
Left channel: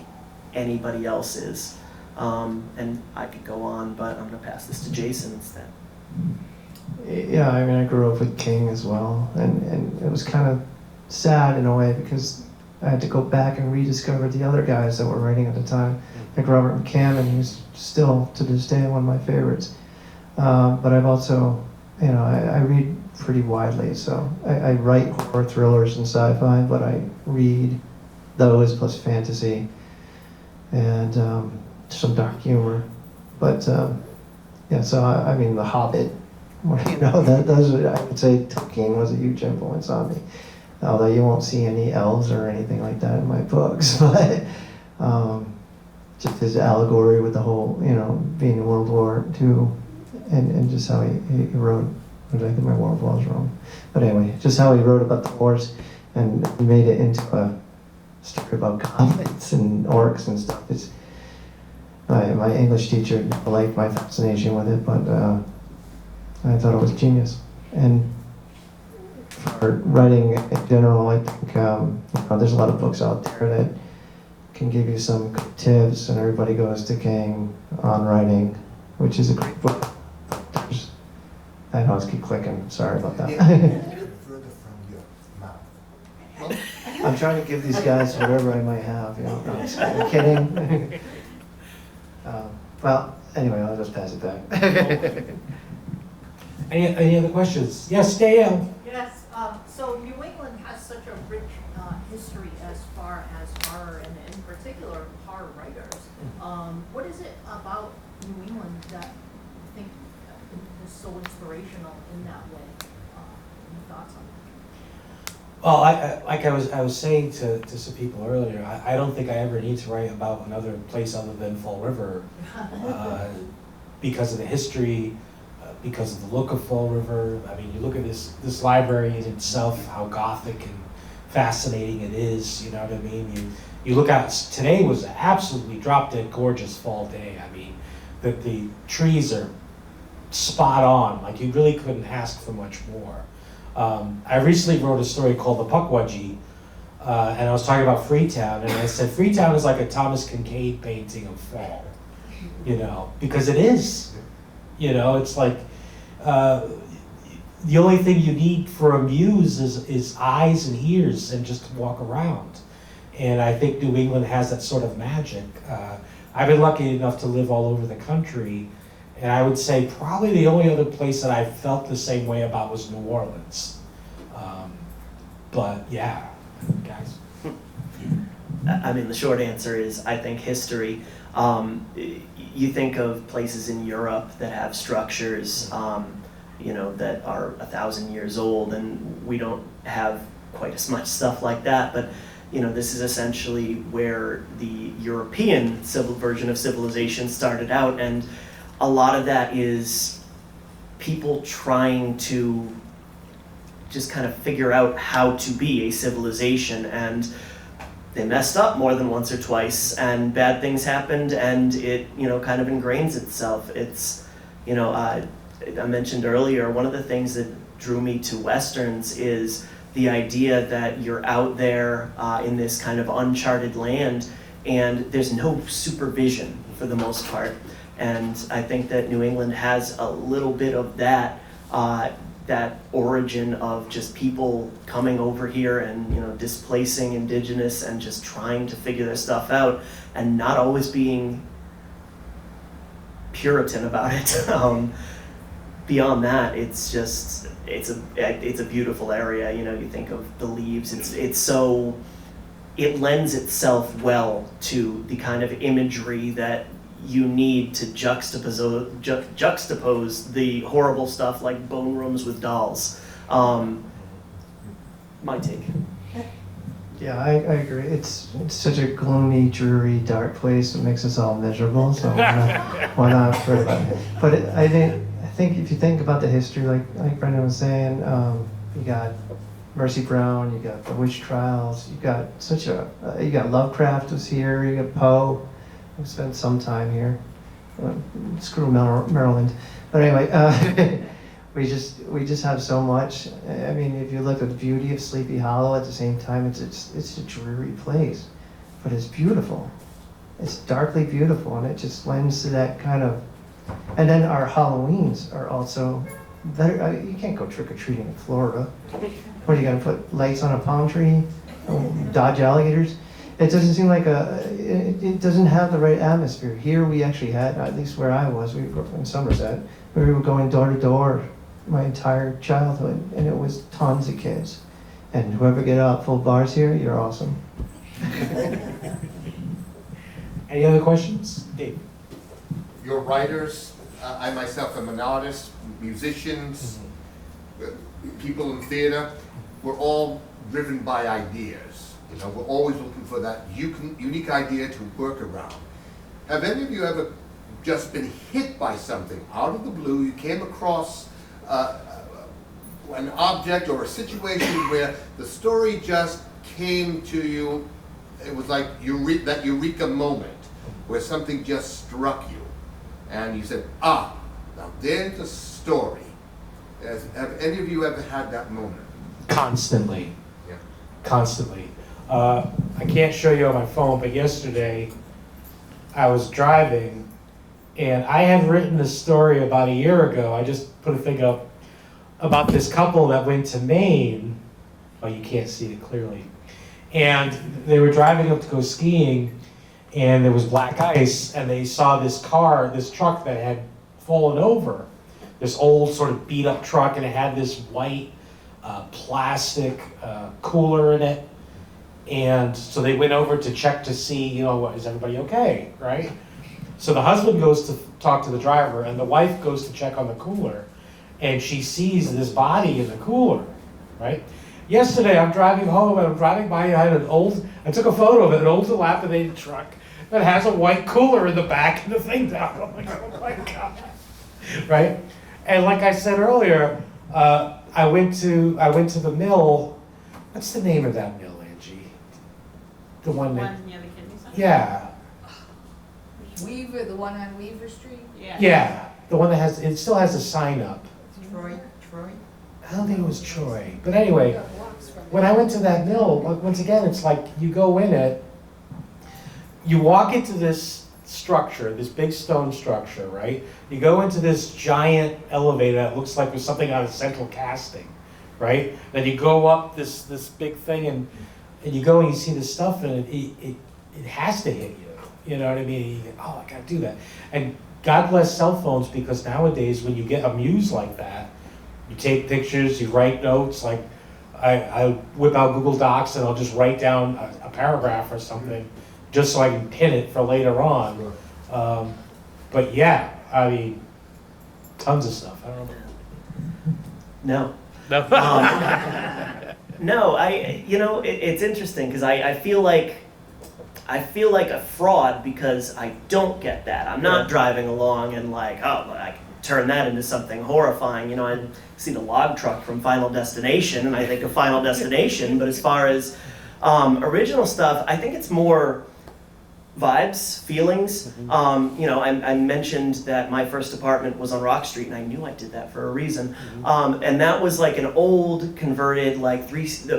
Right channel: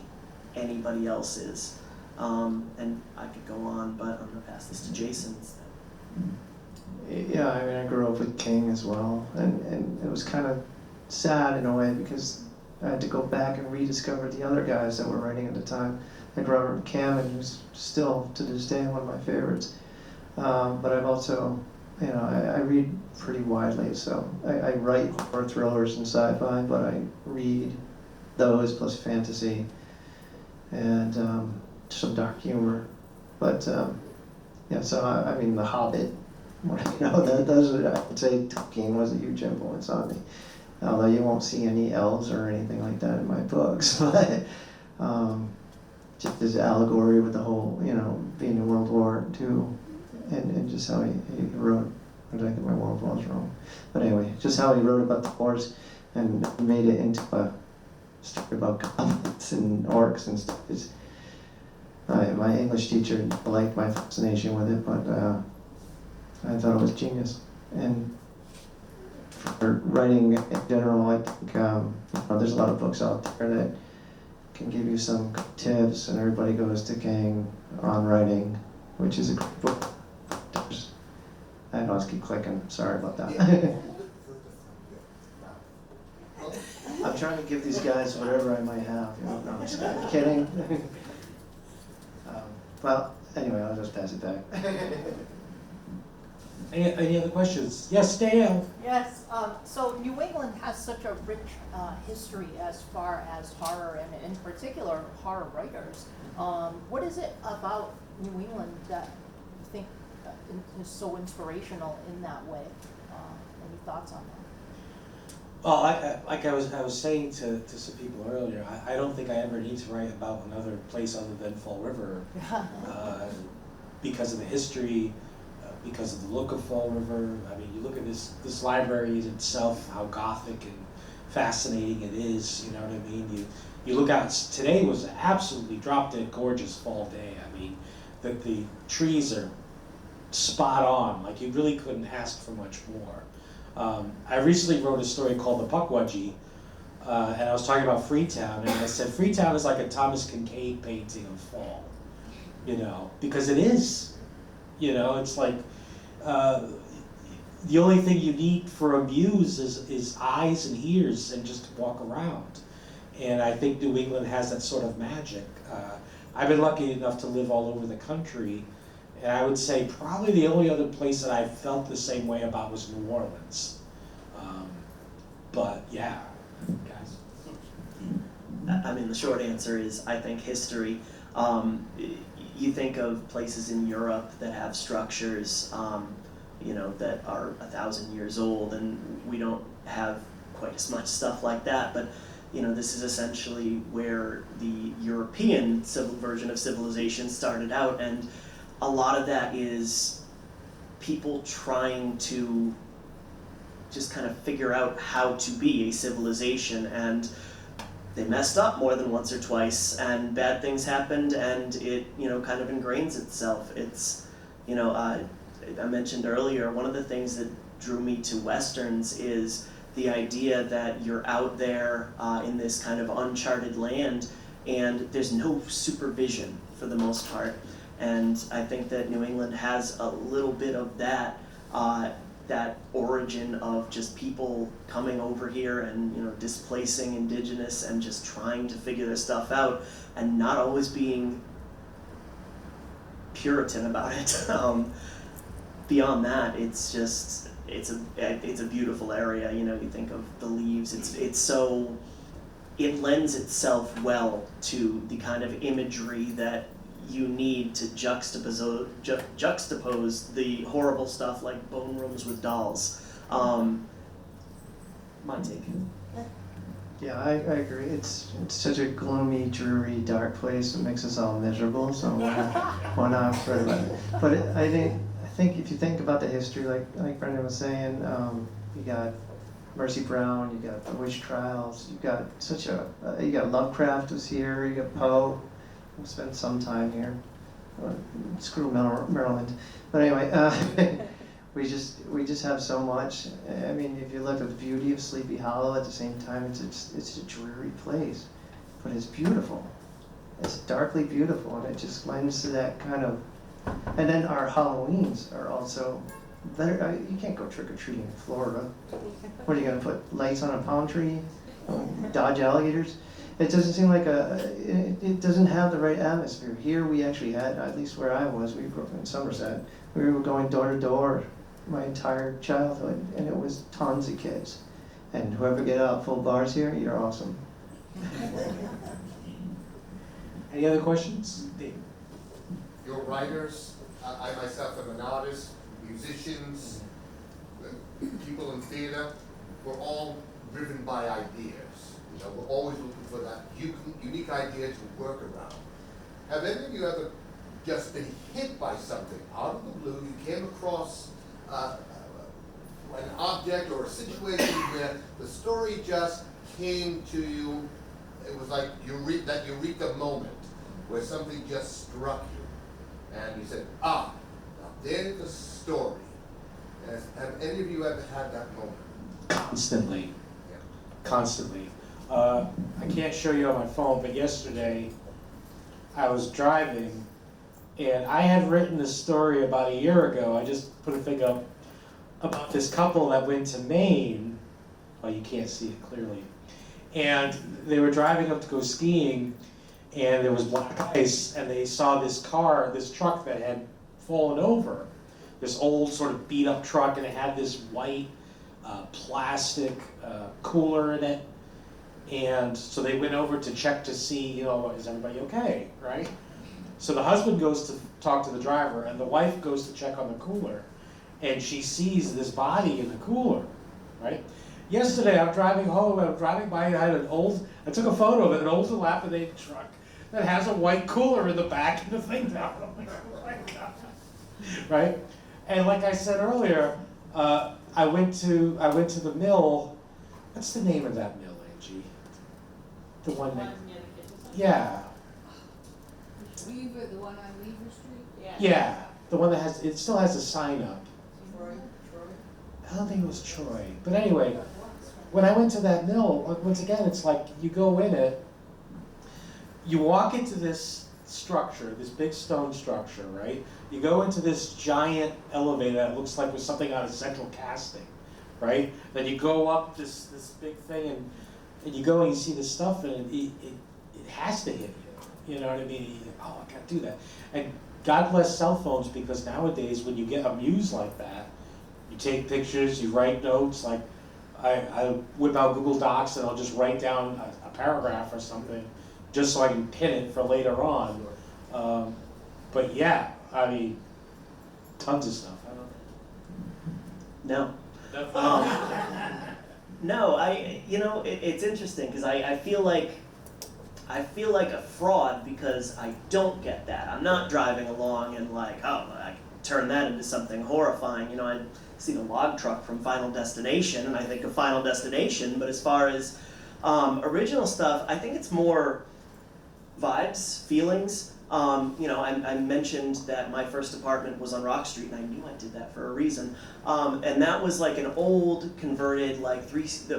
anybody else's. And I could go on, but I'm going to pass this to Jason instead. Yeah, I grew up with King as well, and it was kind of sad in a way because I had to go back and rediscover the other guys that were writing at the time, like Robert McCammon, who's still to this day one of my favorites. But I've also, I read pretty widely, so I write horror thrillers and sci-fi, but I read those plus fantasy and some dark humor. But yeah, so I mean, The Hobbit, you know, those I would say Tolkien was a huge influence on me. Although you won't see any elves or anything like that in my books, but just his allegory with the whole, you know, being in World War II, and just how he wrote. I think my World War was wrong, but anyway, just how he wrote about the wars and made it into a story about goblins and orcs and stuff. It's my English teacher liked my fascination with it, but I thought it was genius. And for writing in general, I think there's a lot of books out there that can give you some good tips, and Everybody Goes to King on writing, which is a great book. I know I keep clicking, sorry about that. I'm trying to give these guys whatever I might have, you know, I'm kidding. Well, anyway, I'll just pass it back. Any other questions? Yes, Dale? Yes, so New England has such a rich history as far as horror, and in particular horror writers. What is it about New England that you think is so inspirational in that way? Any thoughts on that? Well, like I was saying to some people earlier, I don't think I ever need to write about another place other than Fall River because of the history, because of the look of Fall River. I mean, you look at this library in itself, how gothic and fascinating it is. You know what I mean? You look out. Today was an absolutely drop-dead gorgeous fall day. I mean, the trees are spot on. Like, you really couldn't ask for much more. I recently wrote a story called The Pukwudgie, and I was talking about Freetown, and I said Freetown is like a Thomas Kincaid painting of fall, you know, because it is. You know, it's like the only thing you need for a muse is eyes and ears and just to walk around. And I think New England has that sort of magic. I've been lucky enough to live all over the country, and I would say probably the only other place that I felt the same way about was New Orleans. But yeah, guys. I mean, the short answer is I think history. You think of places in Europe that have structures, you know, that are 1,000 years old, and we don't have quite as much stuff like that. But you know, this is essentially where the European version of civilization started out, and a lot of that is people trying to just kind of figure out how to be a civilization, and they messed up more than once or twice, and bad things happened, and it, you know, kind of ingrains itself. It's, you know, I mentioned earlier, one of the things that drew me to Westerns is the idea that you're out there in this kind of uncharted land, and there's no supervision for the most part. And I think that New England has a little bit of that, that origin of just people coming over here and, you know, displacing indigenous and just trying to figure their stuff out and not always being Puritan about it. Beyond that, it's just, it's a beautiful area. You know, you think of the leaves, it's so, it lends itself well to the kind of imagery that you need to juxtapose the horrible stuff like bone rooms with dolls. My take. Yeah, I agree. It's such a gloomy, dreary, dark place. It makes us all miserable. So why not for that? But I think if you think about the history, like Brendan was saying, you got Mercy Brown, you got the witch trials, you got you got Lovecraft was here, you got Poe. We spent some time here. Screw Maryland. But anyway, we just have so much. I mean, if you look at the beauty of Sleepy Hollow, at the same time, it's a dreary place, but it's beautiful. It's darkly beautiful, and it just lends to that kind of. And then our Halloweens are also better. You can't go trick or treating in Florida. What are you gonna put lights on a palm tree? Dodge alligators? It doesn't seem like it doesn't have the right atmosphere. Here we actually had, at least where I was, we grew up in Somerset, we were going door to door my entire childhood, and it was tons of kids. And whoever get out full bars here, you're awesome. Any other questions? Dave? Your writers, I myself am an artist, musicians, people in theater, we're all driven by ideas. You know, we're always looking for that unique idea to work around. Have any of you ever just been hit by something out of the blue? You came across an object or a situation where the story just came to you. It was like that eureka moment where something just struck you, and you said, "Ah, now there's a story." Have any of you ever had that moment? Constantly. Yeah. Constantly. I can't show you on my phone, but yesterday I was driving and I had written a story about a year ago. I just put a thing up about this couple that went to Maine. Oh, you can't see it clearly. And they were driving up to go skiing, and there was black ice, and they saw this truck that had fallen over. This old sort of beat up truck, and it had this white plastic cooler in it. And so they went over to check to see, is everybody okay, right? So the husband goes to talk to the driver, and the wife goes to check on the cooler, and she sees this body in the cooler, right? Yesterday, I'm driving home, and I'm driving by, and I took a photo of it, an old dilapidated truck that has a white cooler in the back and the thing down. I'm like, oh my God, right? And like I said earlier, I went to the mill. What's the name of that mill, Angie? The one that, near the kidney center? yeah, Weaver, the one on Weaver Street? yeah, the one that it still has a sign up. Troy? I don't think it was Troy, but anyway, when I went to that mill, once again, it's like you go in it, you walk into this structure, this big stone structure, right? You go into this giant elevator that looks like there's something out of central casting, right? Then you go up this big thing, and you go and you see this stuff, and it has to hit you. You know what I mean? Oh, I gotta do that. And God bless cell phones, because nowadays when you get amused like that, you take pictures, you write notes. Like I whip out Google Docs and I'll just write down a paragraph or something, just so I can pin it for later on. But yeah, I mean, tons of stuff. I don't know. No. No, it's interesting because I feel like a fraud because I don't get that. I'm not driving along and like, oh, I can turn that into something horrifying. I've seen a log truck from Final Destination, and I think of Final Destination, but as far as original stuff, I think it's more vibes, feelings. I mentioned that my first apartment was on Rock Street, and I knew I did that for a reason. And that was like an old converted, like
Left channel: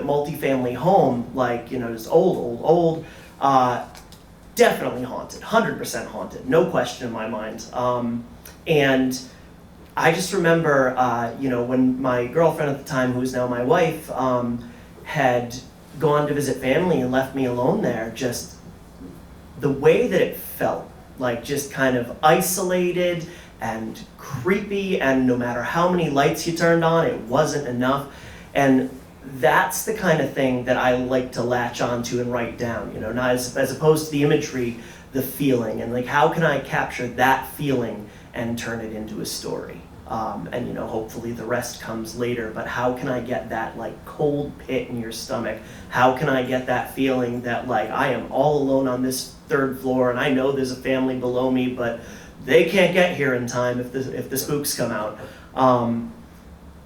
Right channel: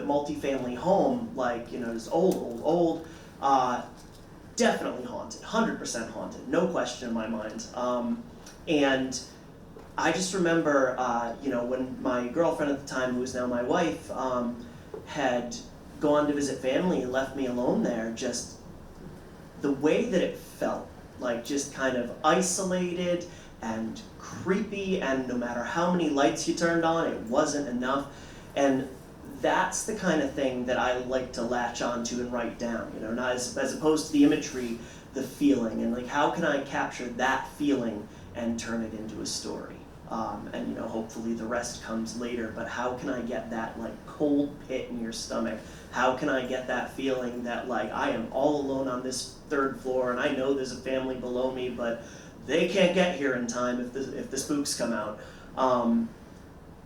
multi-family home, like, just old. Definitely haunted, 100% haunted, no question in my mind. And I just remember, when my girlfriend at the time, who is now my wife, had gone to visit family and left me alone there, just the way that it felt, like just kind of isolated and creepy, and no matter how many lights you turned on, it wasn't enough. And that's the kind of thing that I like to latch onto and write down, not as opposed to the imagery, the feeling, and like how can I capture that feeling and turn it into a story. And hopefully the rest comes later, but how can I get that like cold pit in your stomach? How can I get that feeling that like I am all alone on this 3rd floor, and I know there's a family below me, but they can't get here in time if the spooks come out.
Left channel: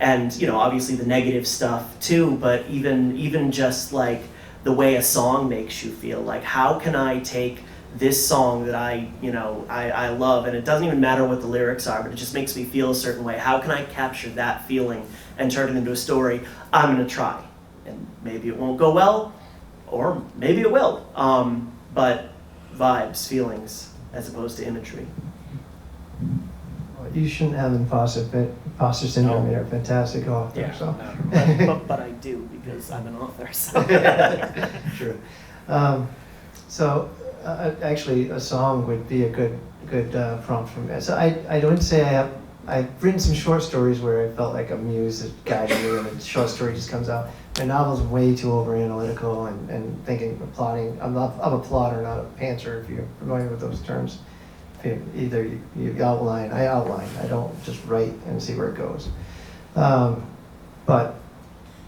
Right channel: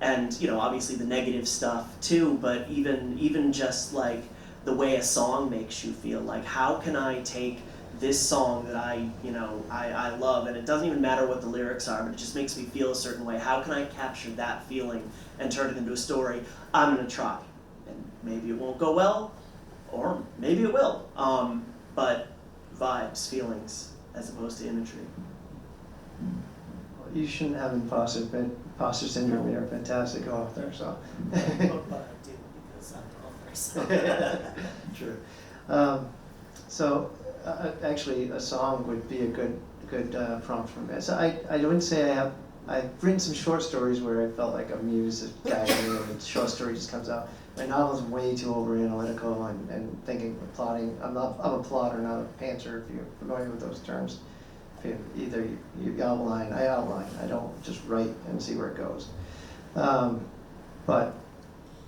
And obviously the negative stuff too, but even just like the way a song makes you feel, like how can I take this song that I love, and it doesn't even matter what the lyrics are, but it just makes me feel a certain way. How can I capture that feeling and turn it into a story? I'm gonna try, and maybe it won't go well, or maybe it will. But vibes, feelings, as opposed to imagery. You shouldn't have imposter syndrome. You're a fantastic author. Yeah. So. but I do, because I'm an author. So. True. Actually, a song would be a good prompt for me. So I wouldn't say I have I've written some short stories where I felt like a muse that guided me, and the short story just comes out. My novel's way too over analytical and thinking, plotting. I'm a plotter, not a pantser, if you're familiar with those terms. Either you outline, I outline. I don't just write and see where it goes. But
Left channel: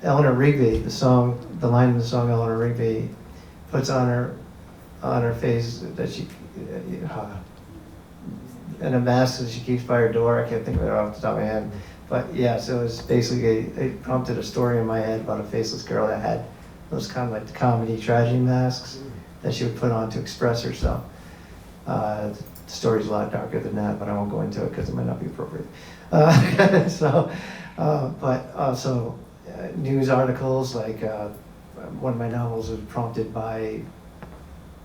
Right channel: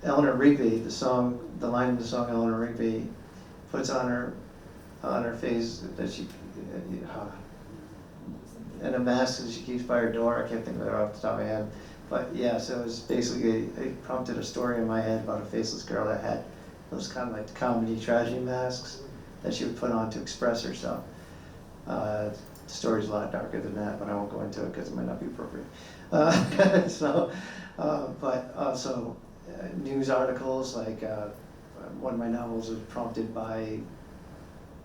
Eleanor Rigby, the line in the song Eleanor Rigby puts on her face that she, and a mask that she keeps by her door. I can't think of it off the top of my head. But yeah, so it was basically, it prompted a story in my head about a faceless girl that had those kind of like the comedy tragedy masks that she would put on to express herself. The story's a lot darker than that, but I won't go into it because it might not be appropriate. But also news articles, like one of my novels was prompted by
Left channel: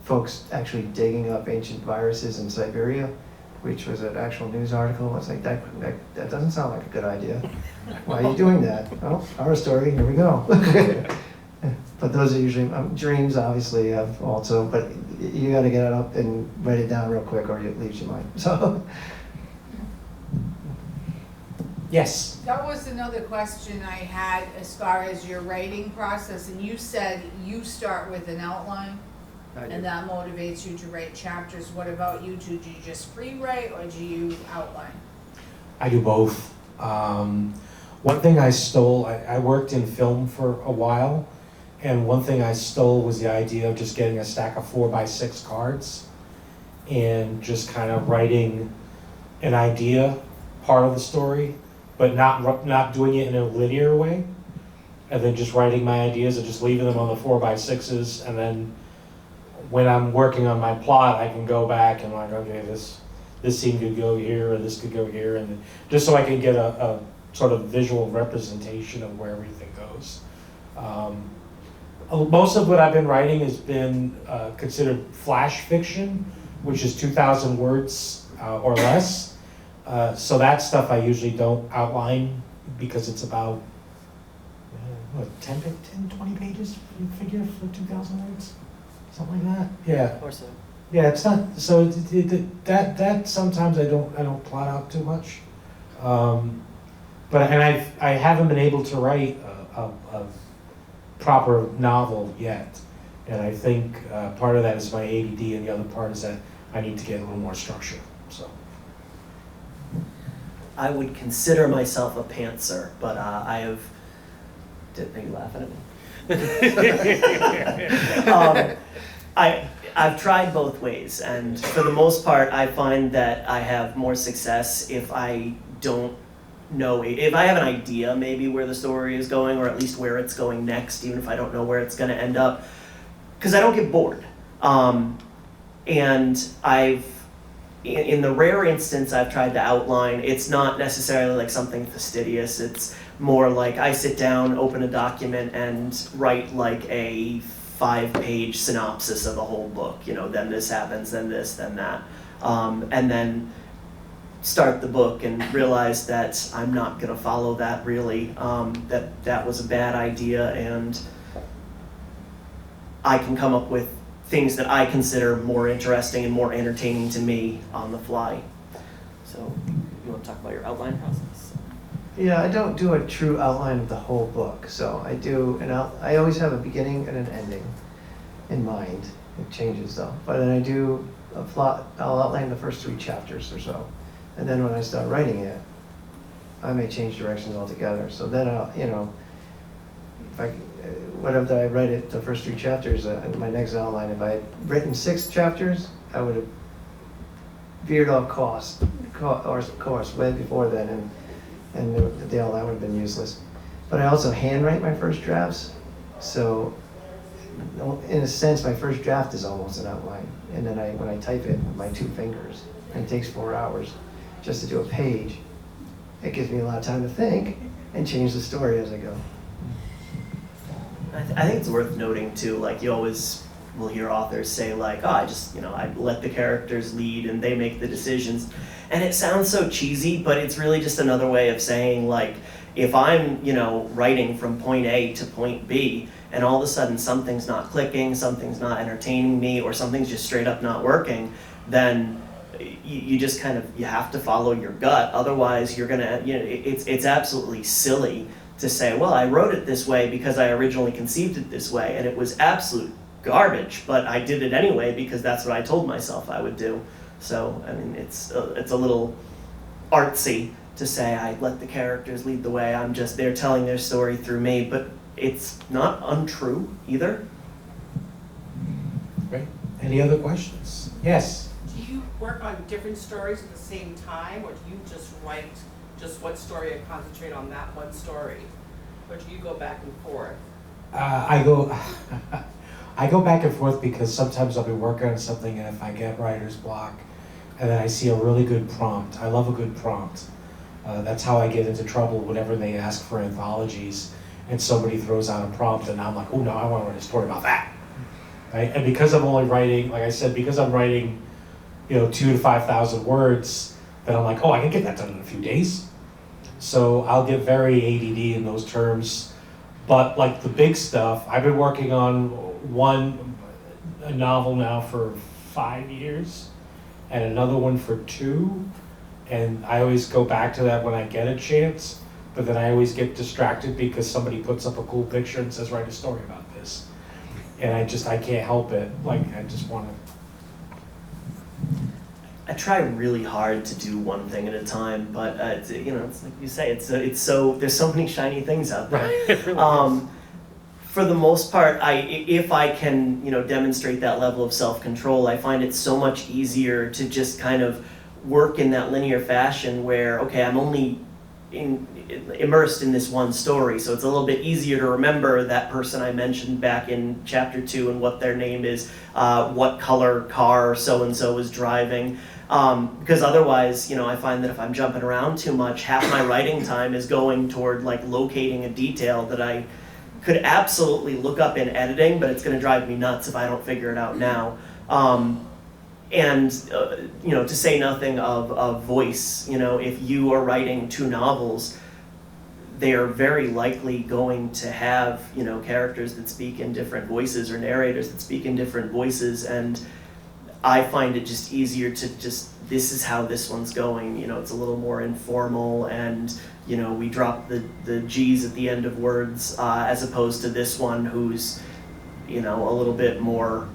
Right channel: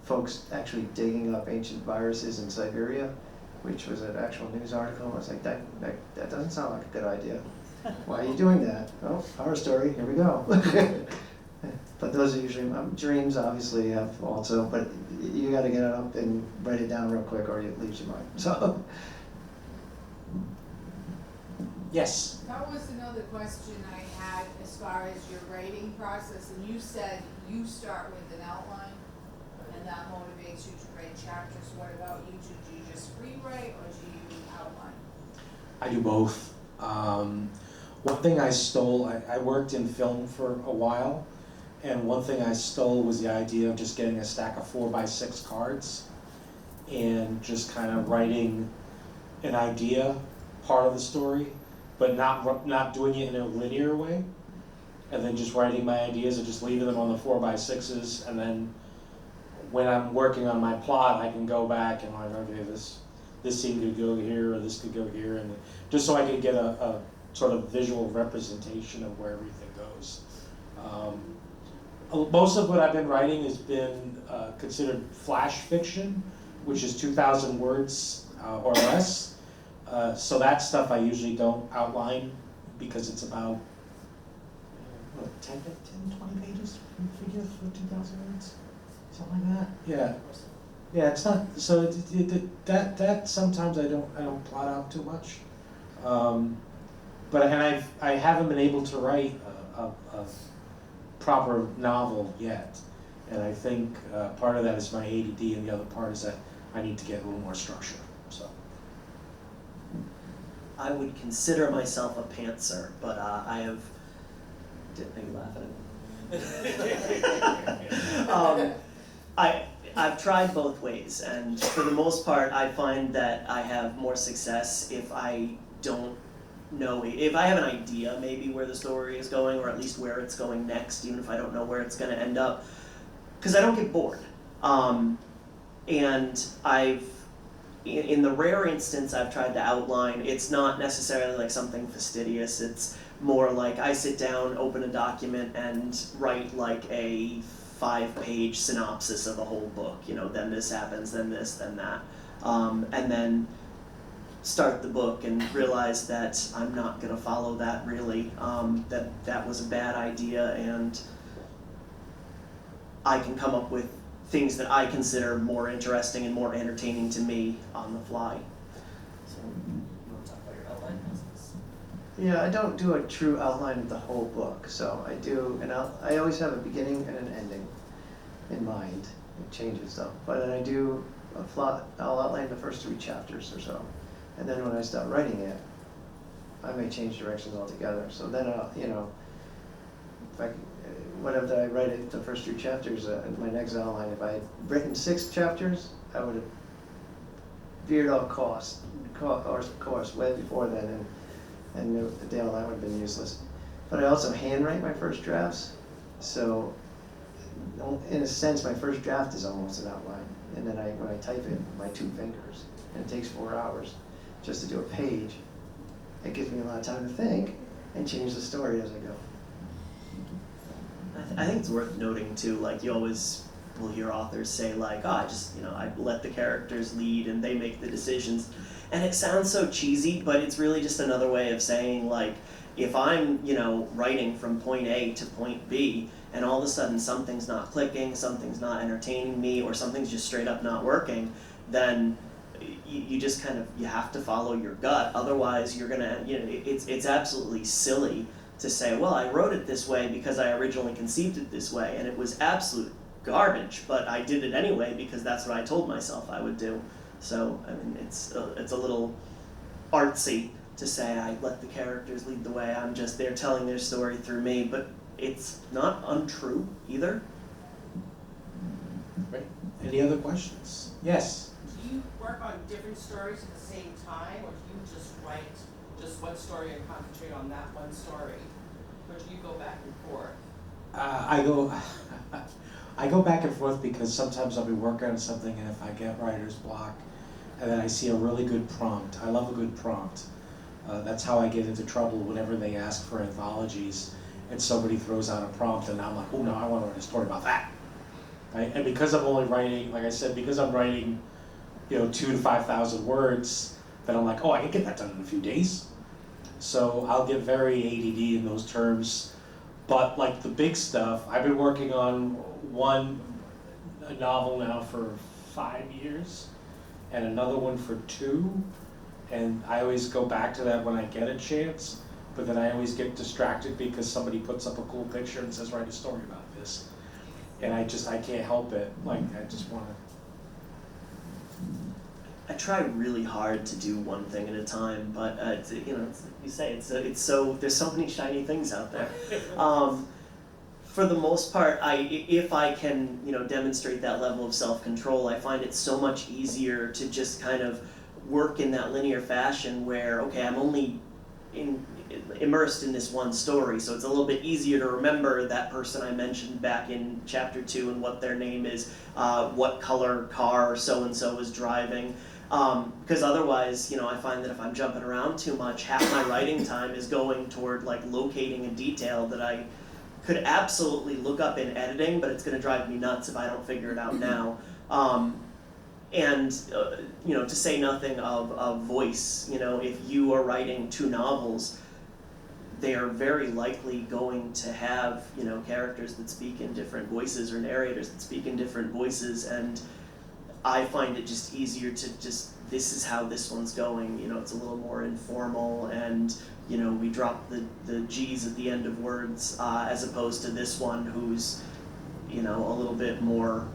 folks actually digging up ancient viruses in Siberia, which was an actual news article. I was like, that doesn't sound like a good idea. Why are you doing that? Oh, our story, here we go. But those are usually, dreams obviously have also, but you gotta get it up and write it down real quick or it leaves your mind, so. Yes. That was another question I had as far as your writing process, and you said you start with an outline and that motivates you to write chapters. What about you two? Do you just free write or do you outline? I do both. One thing I stole, I worked in film for a while, and one thing I stole was the idea of just getting a stack of 4x6 cards and just kind of writing an idea, part of the story, but not doing it in a linear way, and then just writing my ideas and just leaving them on the 4x6s, and then when I'm working on my plot, I can go back and like, okay, this scene could go here, or this could go here, and just so I can get a sort of visual representation of where everything goes. Most of what I've been writing has been considered flash fiction, which is 2,000 words or less. So that stuff I usually don't outline because it's about 10, 20 pages, you figure, for 2,000 words? Something like that? Yeah. Or so. Yeah, it's not, so that sometimes I don't plot out too much. But I haven't been able to write a proper novel yet. And I think part of that is my ADD, and the other part is that I need to get a little more structure, so. I would consider myself a pantser, but I have. Are you laughing at me? I've tried both ways, and for the most part, I find that I have more success if I don't know, if I have an idea maybe where the story is going, or at least where it's going next, even if I don't know where it's going to end up, because I don't get bored. And in the rare instance I've tried to outline, it's not necessarily like something fastidious. It's more like I sit down, open a document, and write like a 5-page synopsis of the whole book. You know, then this happens, then this, then that, and then start the book and realize that I'm not going to follow that really. That was a bad idea, and I can come up with things that I consider more interesting and more entertaining to me on the fly. So, you want to talk about your outline process? Yeah, I don't do a true outline of the whole book. So I do I always have a beginning and an ending in mind. It changes though. But then I do a plot. I'll outline the first 3 chapters or so, and then when I start writing it, I may change directions altogether. So then I'll, whatever I write it, the first 3 chapters, in my next outline, if I had written 6 chapters, I would have veered off course way before then, and the outline would have been useless. But I also handwrite my first drafts, so in a sense, my first draft is almost an outline. And then when I type it with my 2 fingers, and it takes 4 hours just to do a page, it gives me a lot of time to think and change the story as I go. I think it's worth noting too, like you always will hear authors say like, oh, I let the characters lead and they make the decisions. And it sounds so cheesy, but it's really just another way of saying like, if I'm, writing from point A to point B, and all of a sudden something's not clicking, something's not entertaining me, or something's just straight up not working, then you just kind of, you have to follow your gut. Otherwise, you're gonna, it's absolutely silly to say, well, I wrote it this way because I originally conceived it this way, and it was absolute garbage, but I did it anyway because that's what I told myself I would do. So, I mean, it's a little artsy to say I let the characters lead the way, they're telling their story through me, but it's not untrue either. Right. Any other questions? Yes. Do you work on different stories at the same time, or do you just write just one story and concentrate on that one story? Or do you go back and forth? I go back and forth because sometimes I'll be working on something, and if I get writer's block, and then I see a really good prompt. I love a good prompt. That's how I get into trouble whenever they ask for anthologies, and somebody throws out a prompt, and I'm like, oh no, I want to write a story about that. Right? And because I'm only writing, like I said, because I'm writing, 2,000 to 5,000 words, then I'm like, oh, I can get that done in a few days. So I'll get very ADD in those terms. But like the big stuff, I've been working on a novel now for 5 years, and another one for 2. And I always go back to that when I get a chance, but then I always get distracted because somebody puts up a cool picture and says, write a story about this. And I can't help it. Like, I just want to. I try really hard to do one thing at a time, but it's like you say, it's so, there's so many shiny things out there. For the most part, if I can, demonstrate that level of self-control, I find it so much easier to just kind of work in that linear fashion where, okay, I'm only immersed in this one story, so it's a little bit easier to remember that person I mentioned back in chapter 2 and what their name is, what color car so-and-so is driving. Because otherwise, I find that if I'm jumping around too much, half my writing time is going toward like locating a detail that I could absolutely look up in editing, but it's going to drive me nuts if I don't figure it out now. To say nothing of voice, if you are writing 2 novels, they are very likely going to have, characters that speak in different voices or narrators that speak in different voices, and I find it just easier to this is how this one's going, it's a little more informal, and, we drop the G's at the end of words, as opposed to this one who's, a little bit more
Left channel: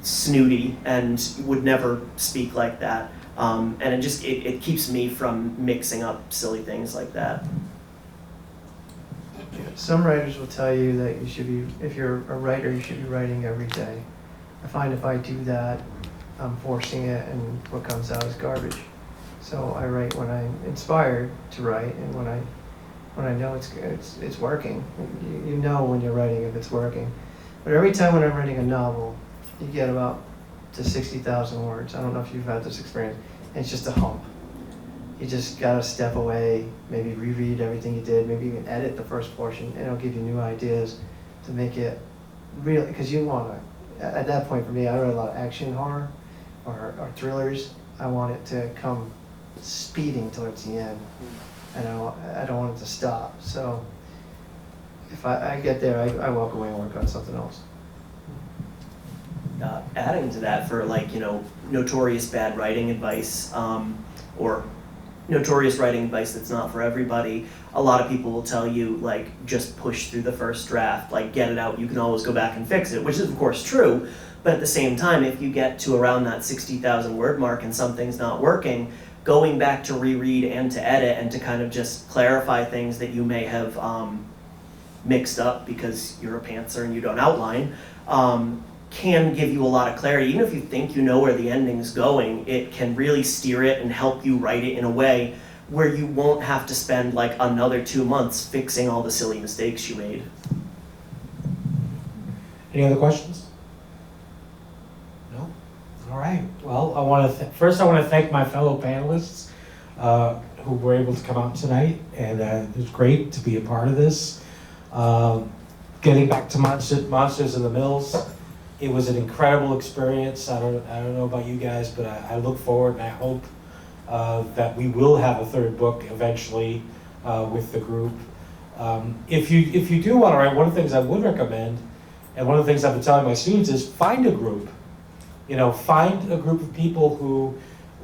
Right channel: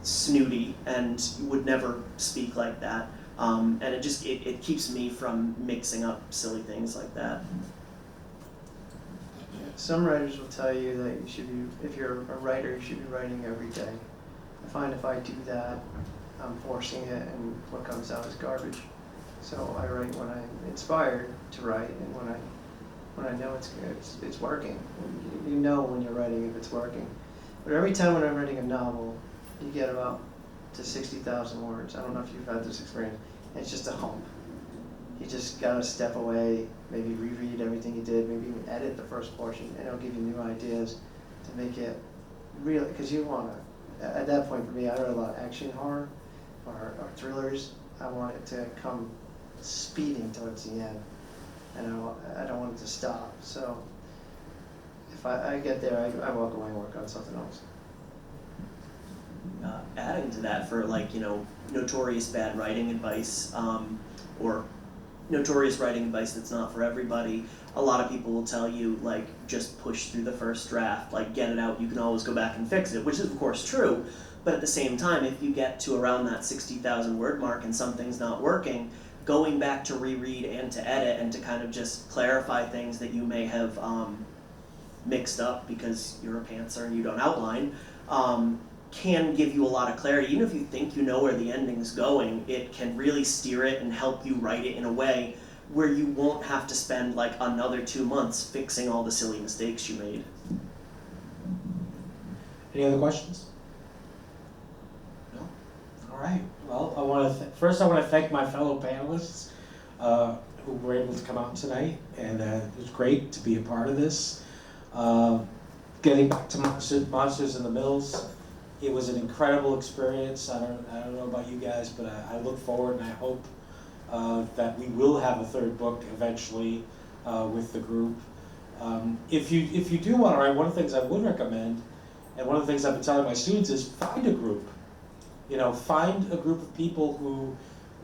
snooty and would never speak like that. And it keeps me from mixing up silly things like that. Some writers will tell you that you should be, if you're a writer, you should be writing every day. I find if I do that, I'm forcing it, and what comes out is garbage. So I write when I'm inspired to write, and when I know it's working. You know when you're writing if it's working. But every time when I'm writing a novel, you get about to 60,000 words. I don't know if you've had this experience. It's just a hump. You just gotta step away, maybe reread everything you did, maybe even edit the first portion, and it'll give you new ideas to make it real. Because you want to, at that point for me, I read a lot of action horror or thrillers. I want it to come speeding towards the end, and I don't want it to stop. So if I get there, I walk away and work on something else. Adding to that, for notorious bad writing advice, or notorious writing advice that's not for everybody, a lot of people will tell you, just push through the first draft, get it out, you can always go back and fix it, which is of course true, but at the same time, if you get to around that 60,000 word mark and something's not working, going back to reread and to edit and to kind of just clarify things that you may have mixed up because you're a pantser and you don't outline, can give you a lot of clarity. Even if you think you know where the ending's going, it can really steer it and help you write it in a way where you won't have to spend another 2 months fixing all the silly mistakes you made. Any other questions? No? All right. Well, I want to first I want to thank my fellow panelists who were able to come out tonight, and it was great to be a part of this. Getting back to Monsters in the Mills, it was an incredible experience. I don't know about you guys, but I look forward and I hope that we will have a 3rd book eventually with the group. If you do want to write, one of the things I would recommend, and one of the things I've been telling my students is find a group. find a group of people who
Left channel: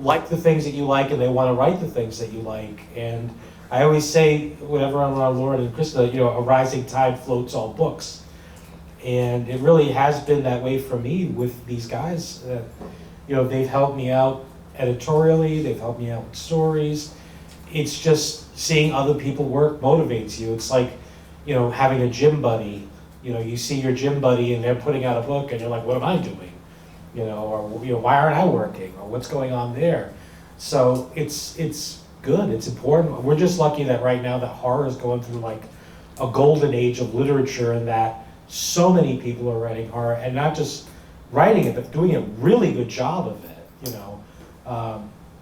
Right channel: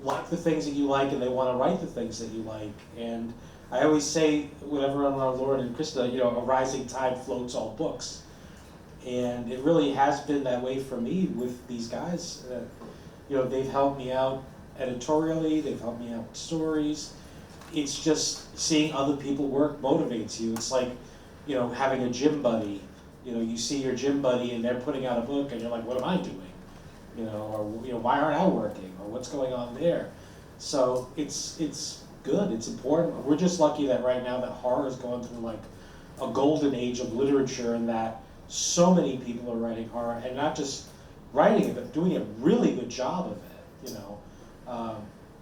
like the things that you like and they want to write the things that you like. And I always say, whenever I'm around Lauren and Krista, a rising tide floats all books. And it really has been that way for me with these guys. They've helped me out editorially, they've helped me out with stories. It's just seeing other people work motivates you. It's like, having a gym buddy. You see your gym buddy and they're putting out a book and you're like, what am I doing? Or why aren't I working? Or what's going on there? So it's good, it's important. We're just lucky that right now that horror is going through like a golden age of literature, and that so many people are writing horror, and not just writing it, but doing a really good job of it,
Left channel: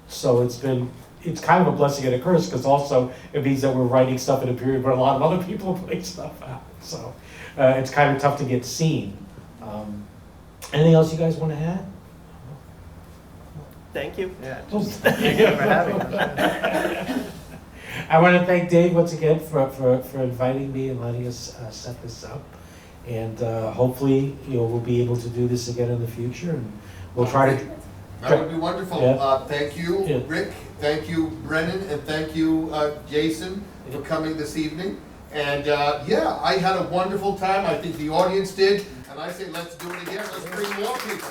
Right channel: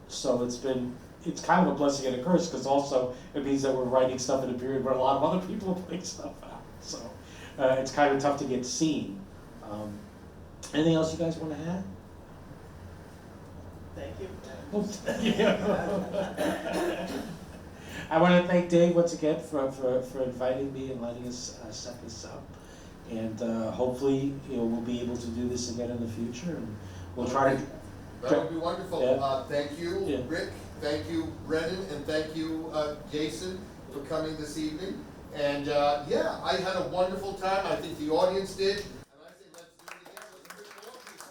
So it's kind of a blessing and a curse, because also it means that we're writing stuff in a period where a lot of other people are putting stuff out. So it's kind of tough to get seen. Anything else you guys want to add? Thank you. Yeah, thank you for having us. I want to thank Dave once again for inviting me and letting us set this up. And hopefully, we'll be able to do this again in the future, and we'll try to. That would be wonderful. Yeah. Thank you, Yeah. Rick. Thank you, Brennan, and thank you, Jason, for coming this evening. And I had a wonderful time. I think the audience did. And I say, let's do it again. Let's bring more people.